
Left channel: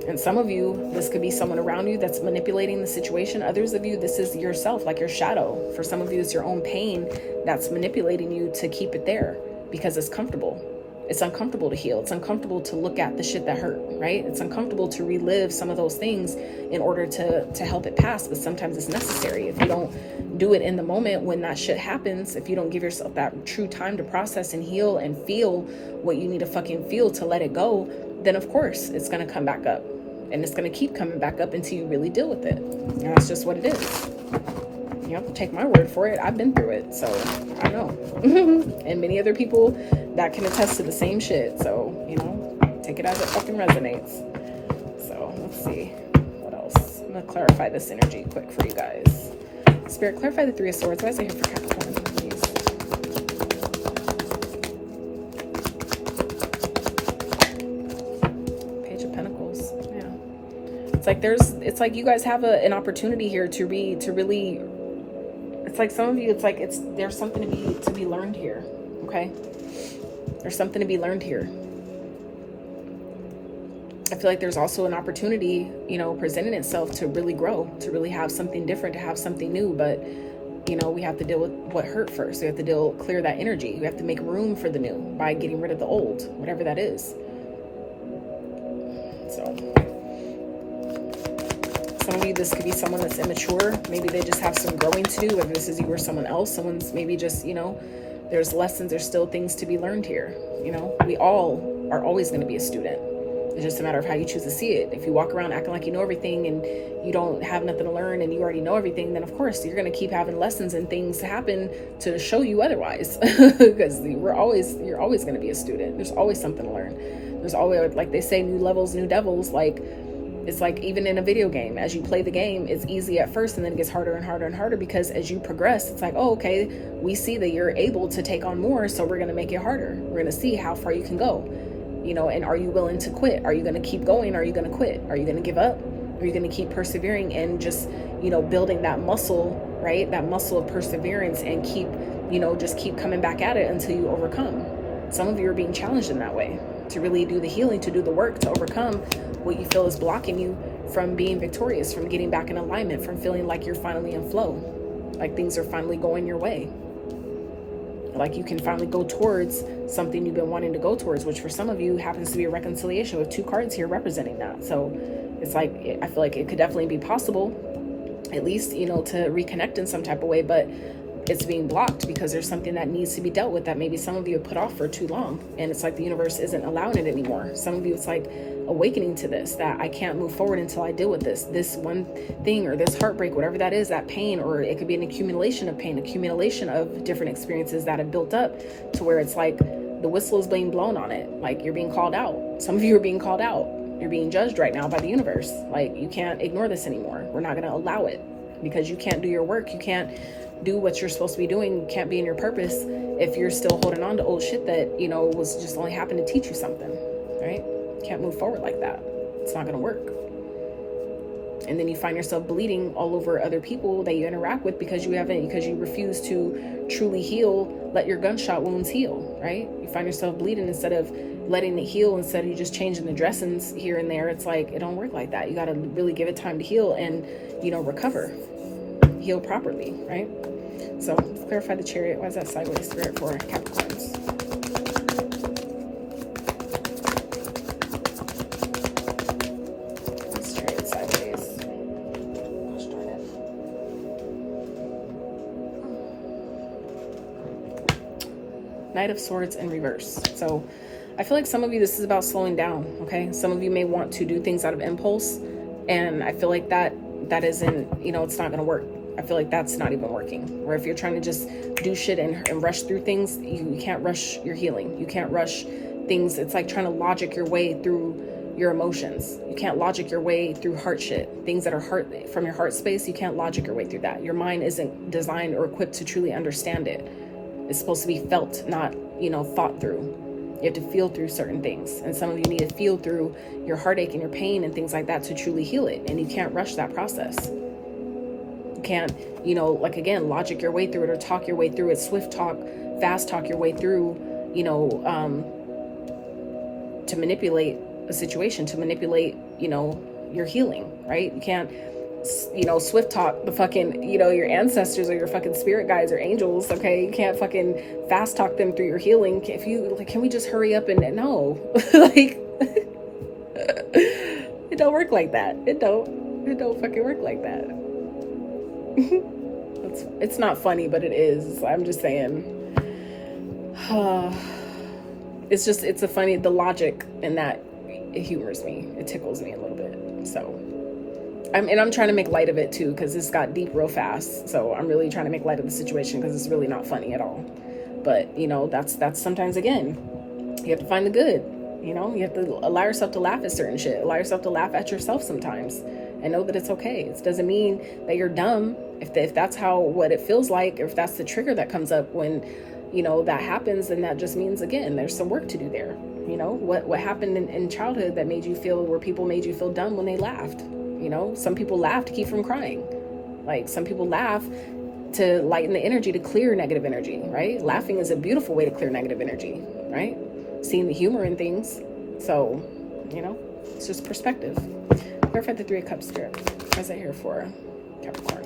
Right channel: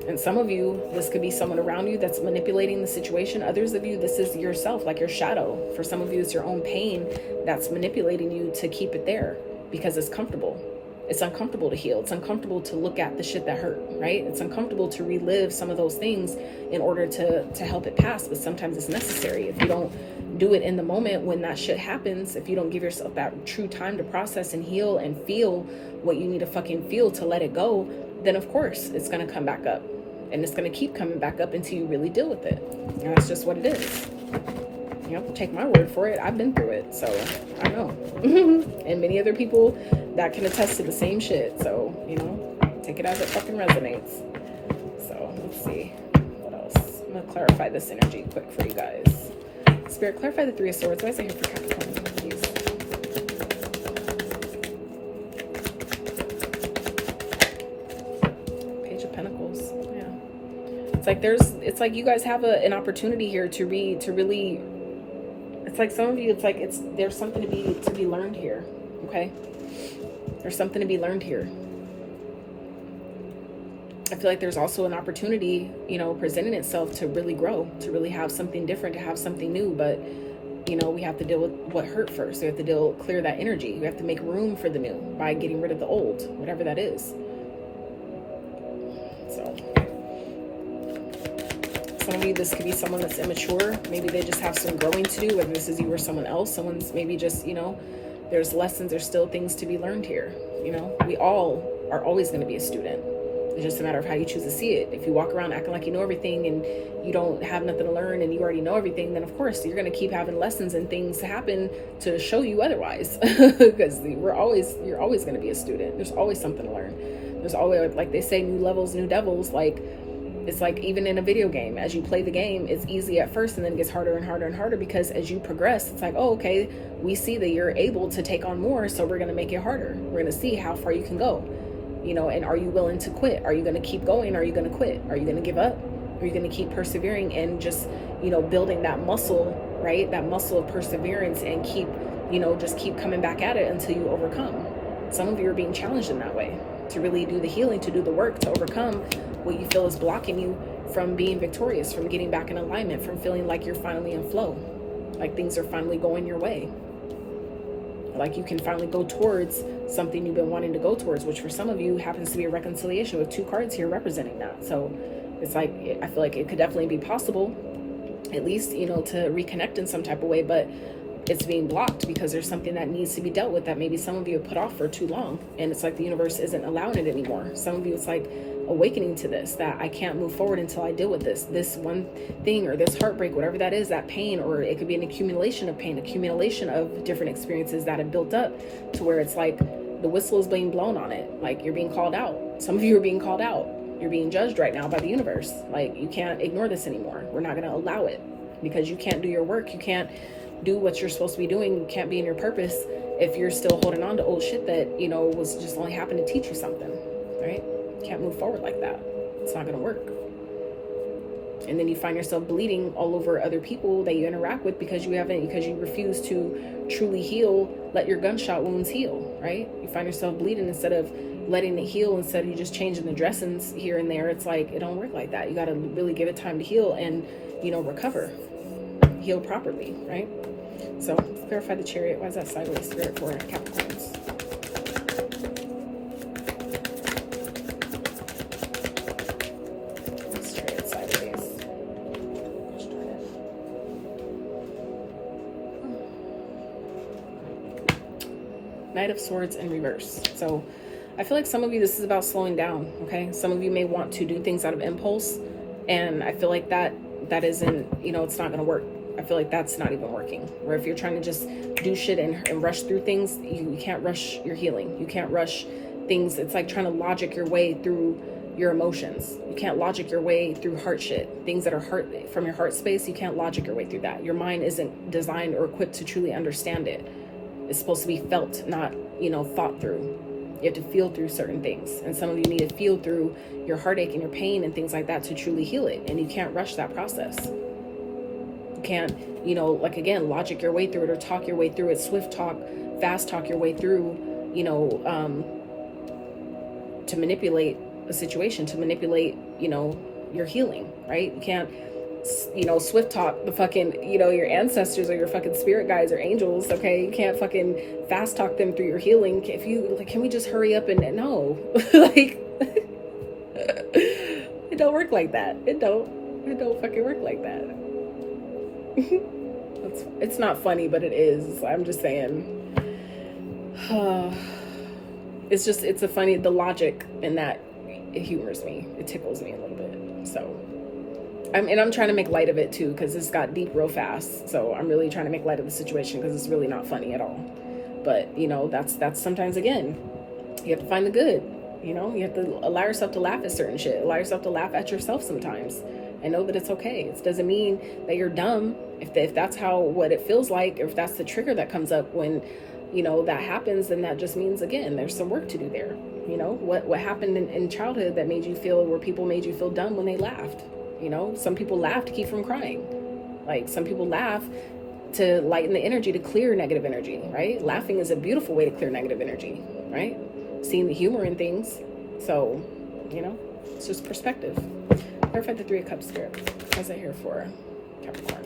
And some of you, this could be someone around you that's manipulating the situation. Others of you, this is yourself, like your shadow. For some of you, it's your own pain that's manipulating you to keep it there because it's comfortable. It's uncomfortable to heal. It's uncomfortable to look at the shit that hurt, right? It's uncomfortable to relive some of those things in order to help it pass, but sometimes it's necessary. If you don't do it in the moment when that shit happens, if you don't give yourself that true time to process and heal and feel what you need to fucking feel to let it go, then of course it's going to come back up. And it's going to keep coming back up until you really deal with it. And that's just what it is. You have to take my word for it. I've been through it. So, I know. And many other people that can attest to the same shit. So, you know, take it as it fucking resonates. So, let's see. What else? I'm going to clarify this energy quick for you guys. Spirit, clarify the Three of Swords. Why is it here for Capricorn? Please. It's like you guys have an opportunity here to really, it's like some of you, there's something to be learned here. Okay, there's something to be learned here. I feel like there's also an opportunity, you know, presenting itself to really grow, to really have something different, to have something new. But you know, we have to deal with what hurt first. We have to clear that energy. We have to make room for the new by getting rid of the old, whatever that is. So some of you, this could be someone that's immature. Maybe they just have some growing to do, whether this is you or someone else. Someone's maybe just, you know, there's lessons, there's still things to be learned here. You know, we all are always going to be a student. It's just a matter of how you choose to see it. If you walk around acting like you know everything and you don't have nothing to learn and you already know everything, then of course you're going to keep having lessons and things happen to show you otherwise. Because you're always going to be a student. There's always something to learn. There's always, like they say, new levels, new devils. Like, it's like even in a video game, as you play the game, it's easy at first and then it gets harder and harder and harder, because as you progress, it's like, oh, okay, we see that you're able to take on more, so we're going to make it harder. We're going to see how far you can go, you know, and are you willing to quit? Are you going to keep going? Are you going to quit? Are you going to give up? You know, Are you going to keep persevering and just, building that muscle, right? That muscle of perseverance, and keep, just keep coming back at it until you overcome. Some of you are being challenged in that way, to really do the healing, to do the work, to overcome what you feel is blocking you from being victorious, from getting back in alignment, from feeling like you're finally in flow, like things are finally going your way, like you can finally go towards something you've been wanting to go towards, which for some of you happens to be a reconciliation, with 2 cards here representing that. So it's like, I feel like it could definitely be possible, at least, to reconnect in some type of way, but it's being blocked because there's something that needs to be dealt with that maybe some of you have put off for too long. And it's like the universe isn't allowing it anymore. Some of you, it's like awakening to this, that I can't move forward until I deal with this one thing, or this heartbreak, whatever that is, that pain, or it could be an accumulation of pain, accumulation of different experiences that have built up to where it's like the whistle is being blown on it. Like you're being called out. Some of you are being called out. You're being judged right now by the universe. Like you can't ignore this anymore. We're not going to allow it, because you can't do your work. You can't do what you're supposed to be doing. You can't be in your purpose if you're still holding on to old shit that, was just only happened to teach you something, right? You can't move forward like that. It's not going to work. And then you find yourself bleeding all over other people that you interact with because you refuse to truly heal, let your gunshot wounds heal, right? You find yourself bleeding instead of letting it heal, instead of you just changing the dressings here and there. It's like, it don't work like that. You got to really give it time to heal and, recover, heal properly, right? So let's clarify the Chariot. Why is that sideways, Spirit, for Capricorns? Let's try it sideways. Let's try it. Knight of Swords in reverse. So I feel like some of you, this is about slowing down, okay? Some of you may want to do things out of impulse, and I feel like that isn't, it's not going to work. I feel like that's not even working. Where if you're trying to just do shit and rush through things, you can't rush your healing. You can't rush things. It's like trying to logic your way through your emotions. You can't logic your way through heart shit. Things that are from your heart space, you can't logic your way through that. Your mind isn't designed or equipped to truly understand it. It's supposed to be felt, not, thought through. You have to feel through certain things. And some of you need to feel through your heartache and your pain and things like that to truly heal it. And you can't rush that process. You can't, logic your way through it or talk your way through it, swift talk, fast talk your way through, to manipulate a situation, to manipulate, your healing, right? You can't, swift talk the fucking, your ancestors or your fucking spirit guides or angels, okay? You can't fucking fast talk them through your healing. Can we just hurry up and, no, like, it don't work like that. It don't fucking work like that. It's not funny, but it is. I'm just saying. It's a funny, the logic in that, it humors me. It tickles me a little bit. So, I'm trying to make light of it too, because this got deep real fast. So I'm really trying to make light of the situation because it's really not funny at all. But, that's sometimes, again, you have to find the good. You have to allow yourself to laugh at certain shit. Allow yourself to laugh at yourself sometimes. And know that it's okay. It doesn't mean that you're dumb. If that's what it feels like, or if that's the trigger that comes up when, that happens, then that just means, again, there's some work to do there. What happened in childhood that made you feel, where people made you feel dumb when they laughed. Some people laugh to keep from crying. Like some people laugh to lighten the energy, to clear negative energy, right? Laughing is a beautiful way to clear negative energy, right? Seeing the humor in things. So, it's just perspective. Clarify the 3 of Cups, Spirit. What's that here for Capricorn?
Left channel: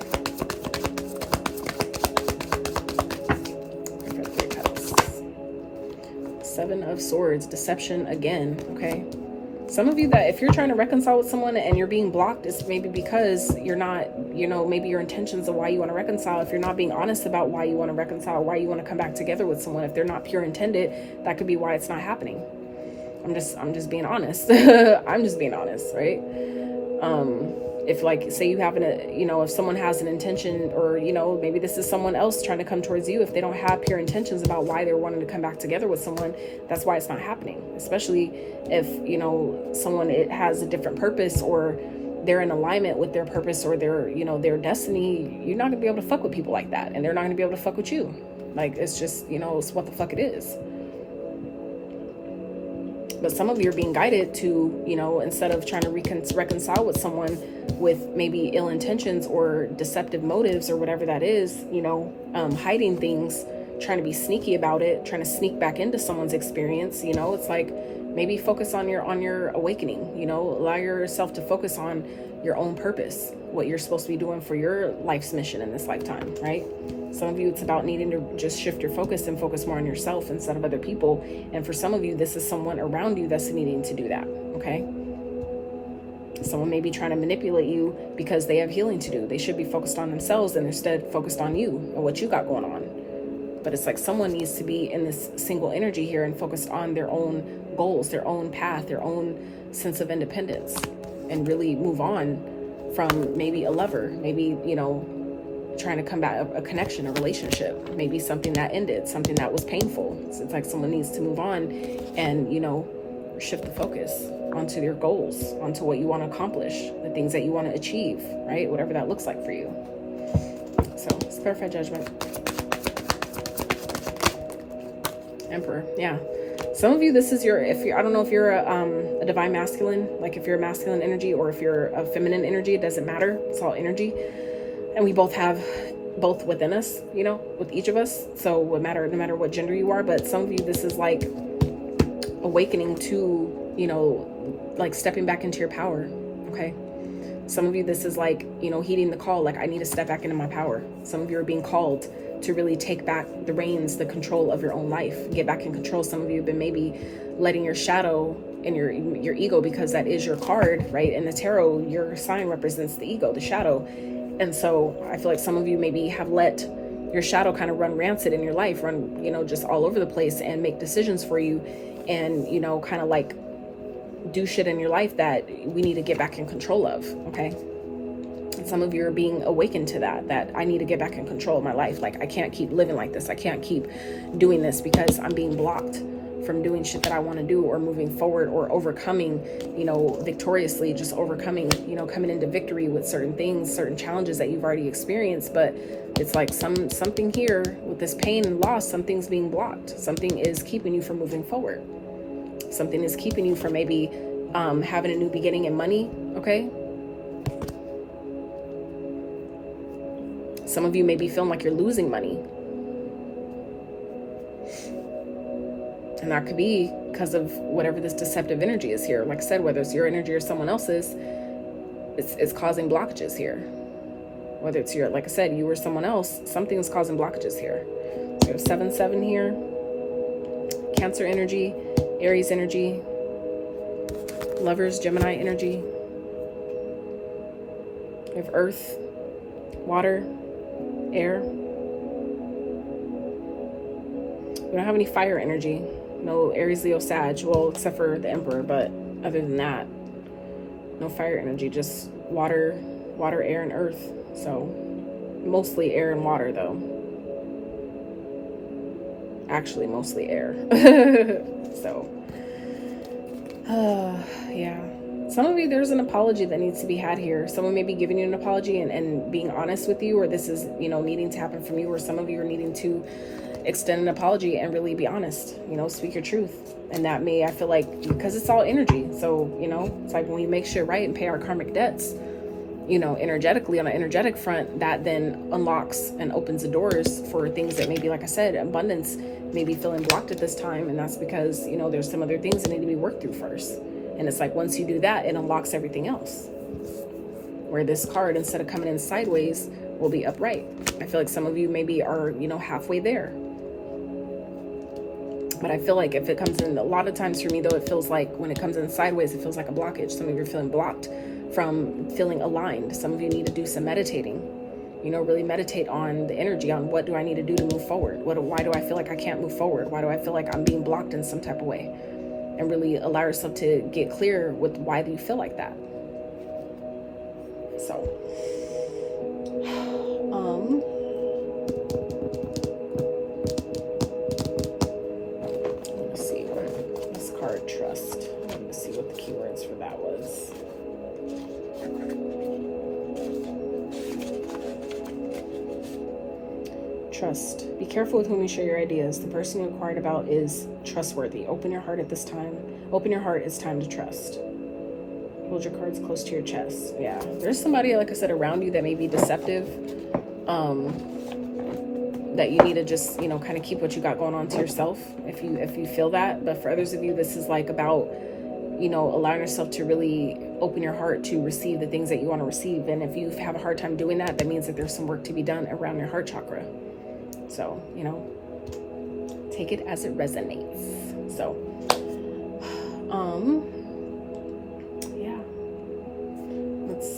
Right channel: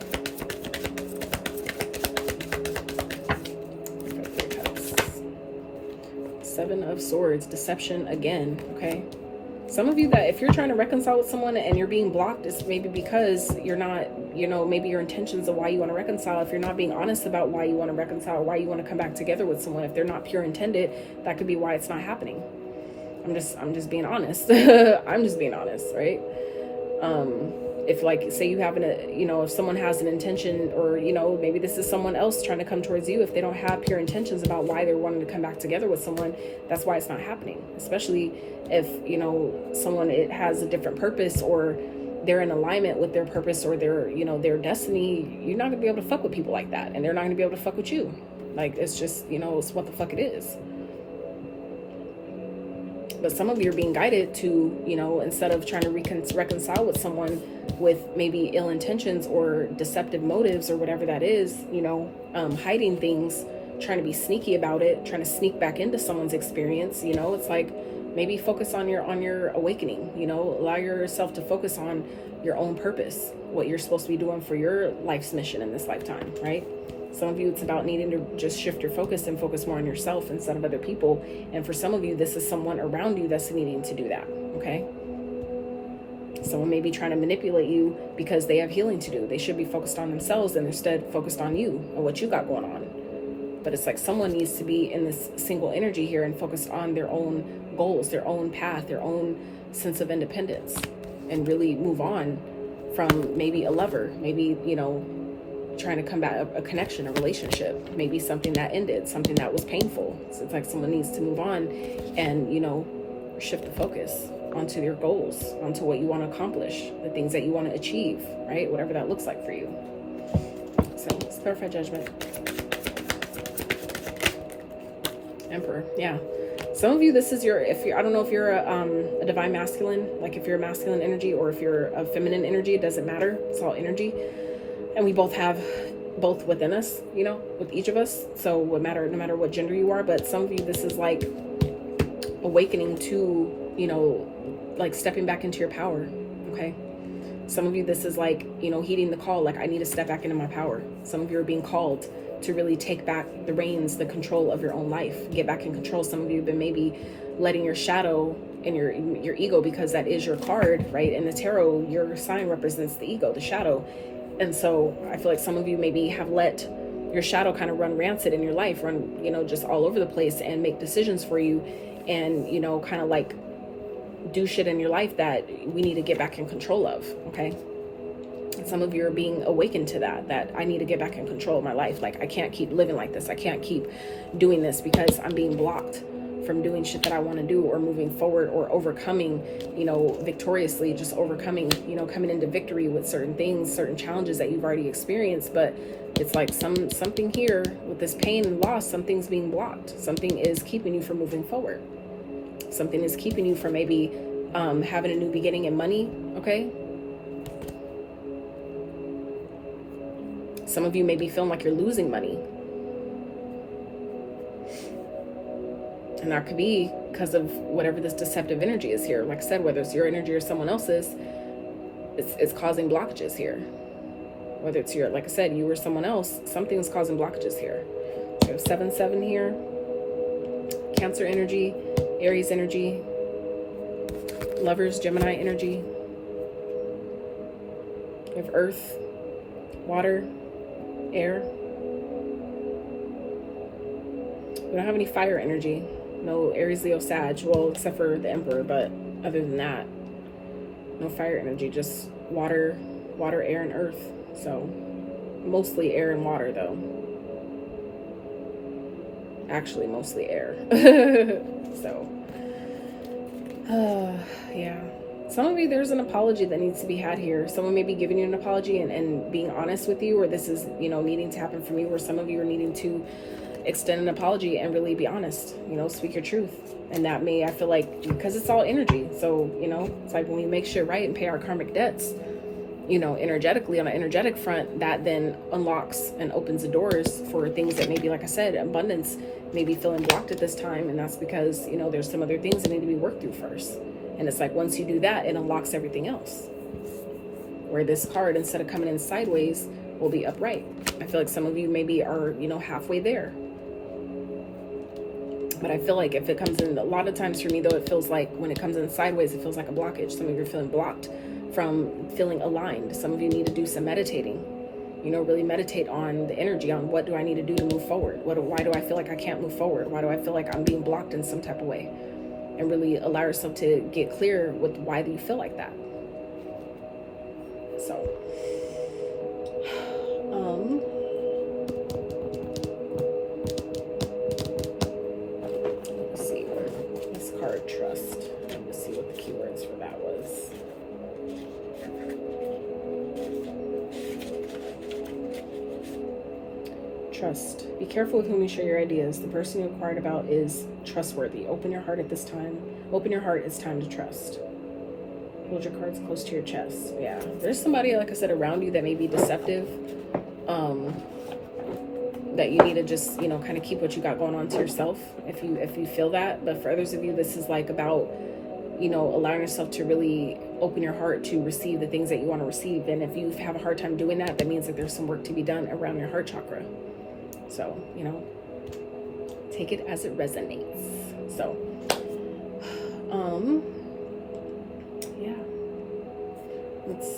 Clarify 3 of Cups. 7 of Swords. Deception again, okay? Some of you, that if you're trying to reconcile with someone and you're being blocked, it's maybe because you're not, maybe your intentions of why you want to reconcile. If you're not being honest about why you want to reconcile, why you want to come back together with someone, if they're not pure intended, that could be why it's not happening. I'm just being honest. I'm just being honest, right? If like, say you have if someone has an intention, or, maybe this is someone else trying to come towards you, if they don't have pure intentions about why they're wanting to come back together with someone, that's why it's not happening. Especially if, someone, it has a different purpose, or they're in alignment with their purpose or their destiny. You're not gonna be able to fuck with people like that, and they're not gonna be able to fuck with you. Like, it's just, it's what the fuck it is. But some of you are being guided to, you know, instead of trying to reconcile with someone with maybe ill intentions or deceptive motives or whatever that is, you know, hiding things, trying to be sneaky about it, trying to sneak back into someone's experience, you know, it's like maybe focus on your awakening, you know, allow yourself to focus on your own purpose, what you're supposed to be doing for your life's mission in this lifetime, right? Some of you, it's about needing to just shift your focus and focus more on yourself instead of other people. And for some of you, this is someone around you that's needing to do that, okay? Someone may be trying to manipulate you because they have healing to do. They should be focused on themselves and instead focused on you and what you got going on. But it's like someone needs to be in this single energy here and focused on their own goals, their own path, their own sense of independence, and really move on from maybe a lover, maybe, you know, trying to combat a connection, a relationship, maybe something that ended, something that was painful. So it's like someone needs to move on and, you know, shift the focus onto your goals, onto what you want to accomplish, the things that you want to achieve, right? Whatever that looks like for you. So it's clarified judgment. Emperor, yeah. Some of you, this is your, I don't know if you're a divine masculine, like if you're a masculine energy or if you're a feminine energy, it doesn't matter. It's all energy. And we both have both within us, you know, with each of us. So no matter what gender you are, but some of you, this is like awakening to, you know, like stepping back into your power. Okay. Some of you, this is like, you know, heeding the call. Like, I need to step back into my power. Some of you are being called to really take back the reins, the control of your own life, get back in control. Some of you have been maybe letting your shadow and your ego, because that is your card, right? In the tarot, your sign represents the ego, the shadow. And so I feel like some of you maybe have let your shadow kind of run rancid in your life, run, you know, just all over the place and make decisions for you and, you know, kind of like do shit in your life that we need to get back in control of, okay? And some of you are being awakened to that I need to get back in control of my life. Like, I can't keep living like this. I can't keep doing this because I'm being blocked from doing shit that I want to do or moving forward or overcoming, you know, victoriously, just overcoming, you know, coming into victory with certain things, certain challenges that you've already experienced. But it's like something here with this pain and loss, something's being blocked. Something is keeping you from moving forward. Something is keeping you from maybe having a new beginning in money, okay? Some of you may be feeling like you're losing money. And that could be because of whatever this deceptive energy is here. Like I said, whether it's your energy or someone else's, it's causing blockages here. Whether it's your, like I said, you or someone else, something is causing blockages here. So 7-7 here. Cancer energy, Aries energy, Lovers, Gemini energy. We have Earth, Water, Air. We don't have any fire energy. No Aries, Leo, Sag. Well, except for the Emperor, but other than that, no fire energy. Just water, air, and earth. So mostly air and water, though. Actually, mostly air. So, yeah. Some of you, there's an apology that needs to be had here. Someone may be giving you an apology and being honest with you, or this is, you know, needing to happen from you, or some of you are needing to extend an apology and really be honest, you know, speak your truth. And that may, I feel like, because it's all energy. So, you know, it's like when we make shit right and pay our karmic debts, you know, energetically, on an energetic front, that then unlocks and opens the doors for things that maybe, like I said, abundance may be feeling blocked at this time. And that's because, you know, there's some other things that need to be worked through first. And it's like, once you do that, it unlocks everything else. Where this card, instead of coming in sideways, will be upright. I feel like some of you maybe are, you know, halfway there. But I feel like if it comes in, a lot of times for me though, it feels like when it comes in sideways, it feels like a blockage. Some of you are feeling blocked from feeling aligned. Some of you need to do some meditating, you know, really meditate on the energy, on what do I need to do to move forward? Why do I feel like I can't move forward? Why do I feel like I'm being blocked in some type of way? And really allow yourself to get clear with why do you feel like that? So, let's see, this card, trust. Let's see what the keywords for that was. Trust. Be careful with whom you share your ideas. The person you inquired about is trustworthy. Open your heart at this time. Open your heart. It's time to trust. Hold your cards close to your chest. Yeah. There's somebody, like I said, around you that may be deceptive. That you need to just, you know, kind of keep what you got going on to yourself if you feel that. But for others of you, this is like about, you know, allowing yourself to really open your heart to receive the things that you want to receive. And if you have a hard time doing that, that means that there's some work to be done around your heart chakra. So, you know, take it as it resonates. So, yeah, let's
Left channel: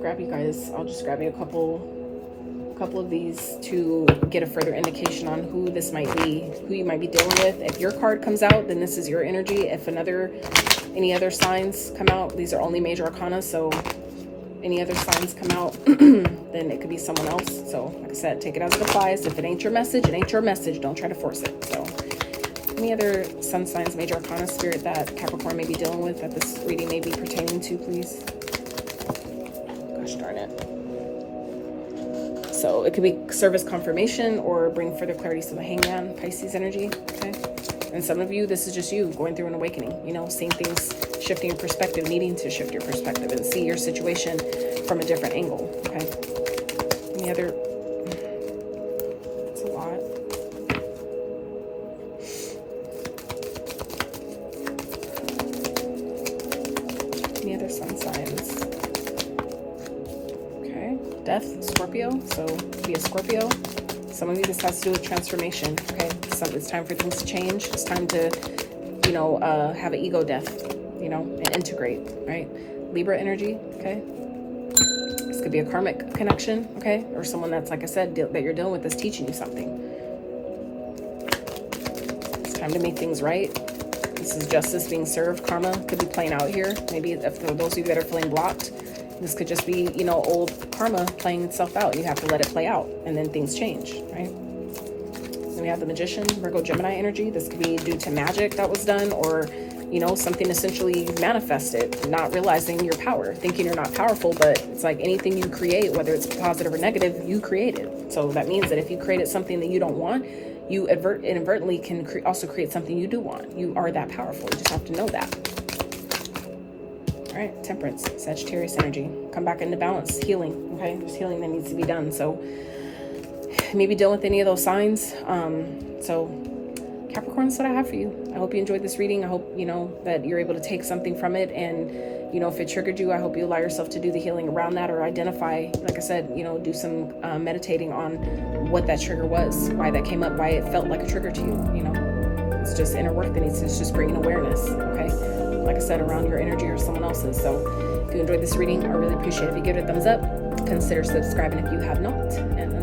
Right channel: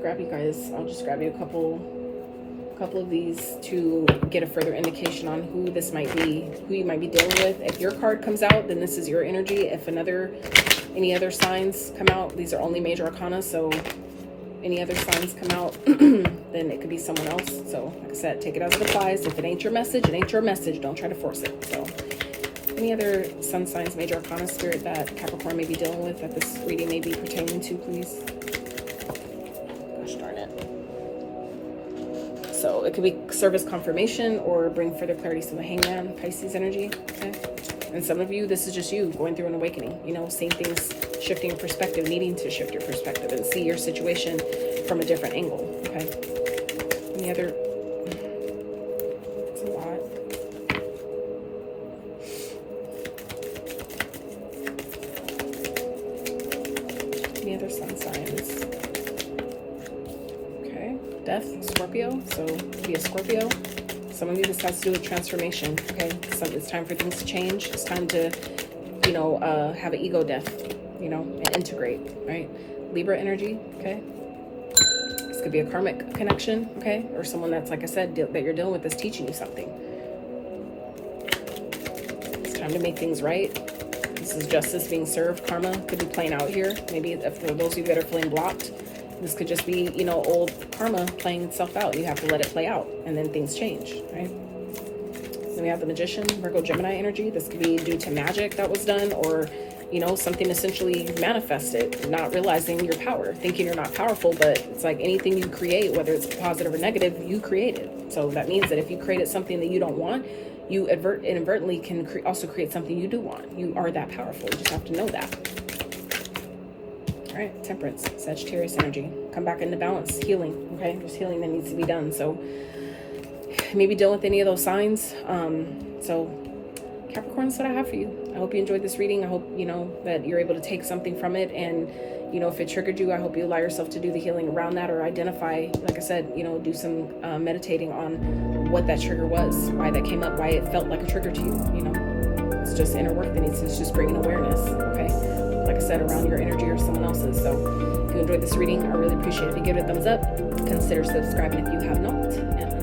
grab you guys. I'll just grab you a couple of these to get a further indication on who this might be, who you might be dealing with. If your card comes out, then this is your energy. If any other signs come out, these are only major arcana, so any other signs come out, then it could be someone else. So like I said, take it as it applies. If it ain't your message, it ain't your message. Don't try to force it. So any other sun signs, major arcana, spirit that Capricorn may be dealing with, that this reading may be pertaining to, please. Gosh darn it. So it could be service confirmation or bring further clarity to the hangman, Pisces energy, okay? And some of you, this is just you going through an awakening, you know, seeing things, shifting your perspective, needing to shift your perspective and see your situation from a different angle, okay? Any other, it's a lot. Any other sun signs? Okay, death, Scorpio, so it could be a Scorpio. Some of you, this has to do with transformation, okay? So it's time for things to change. It's time to, you know, have an ego death, you know, and integrate, right? Libra energy, okay? This could be a karmic connection, okay? Or someone that's, like I said, that you're dealing with is teaching you something. It's time to make things right. This is justice being served. Karma could be playing out here. Maybe if for those of you that are feeling blocked, this could just be, you know, old karma playing itself out. You have to let it play out, and then things change, right? Then we have the Magician, Virgo, Gemini energy. This could be due to magic that was done, or, you know, something essentially manifested, not realizing your power, thinking you're not powerful. But it's like anything you create, whether it's positive or negative, you created. So that means that if you created something that you don't want, you inadvertently can also create something you do want. You are that powerful. You just have to know that. All right, Temperance, Sagittarius energy. Come back into balance, healing, okay? There's healing that needs to be done. So maybe deal with any of those signs. So Capricorn, that's what I have for you. I hope you enjoyed this reading. I hope, you know, that you're able to take something from it. And, you know, if it triggered you, I hope you allow yourself to do the healing around that, or identify, like I said, you know, do some meditating on what that trigger was, why that came up, why it felt like a trigger to you, you know. It's just inner work that needs to just bring awareness, okay? Like I said, around your energy or someone else's. So if you enjoyed this reading, I really appreciate it if you give it a thumbs up. Consider subscribing if you have not. And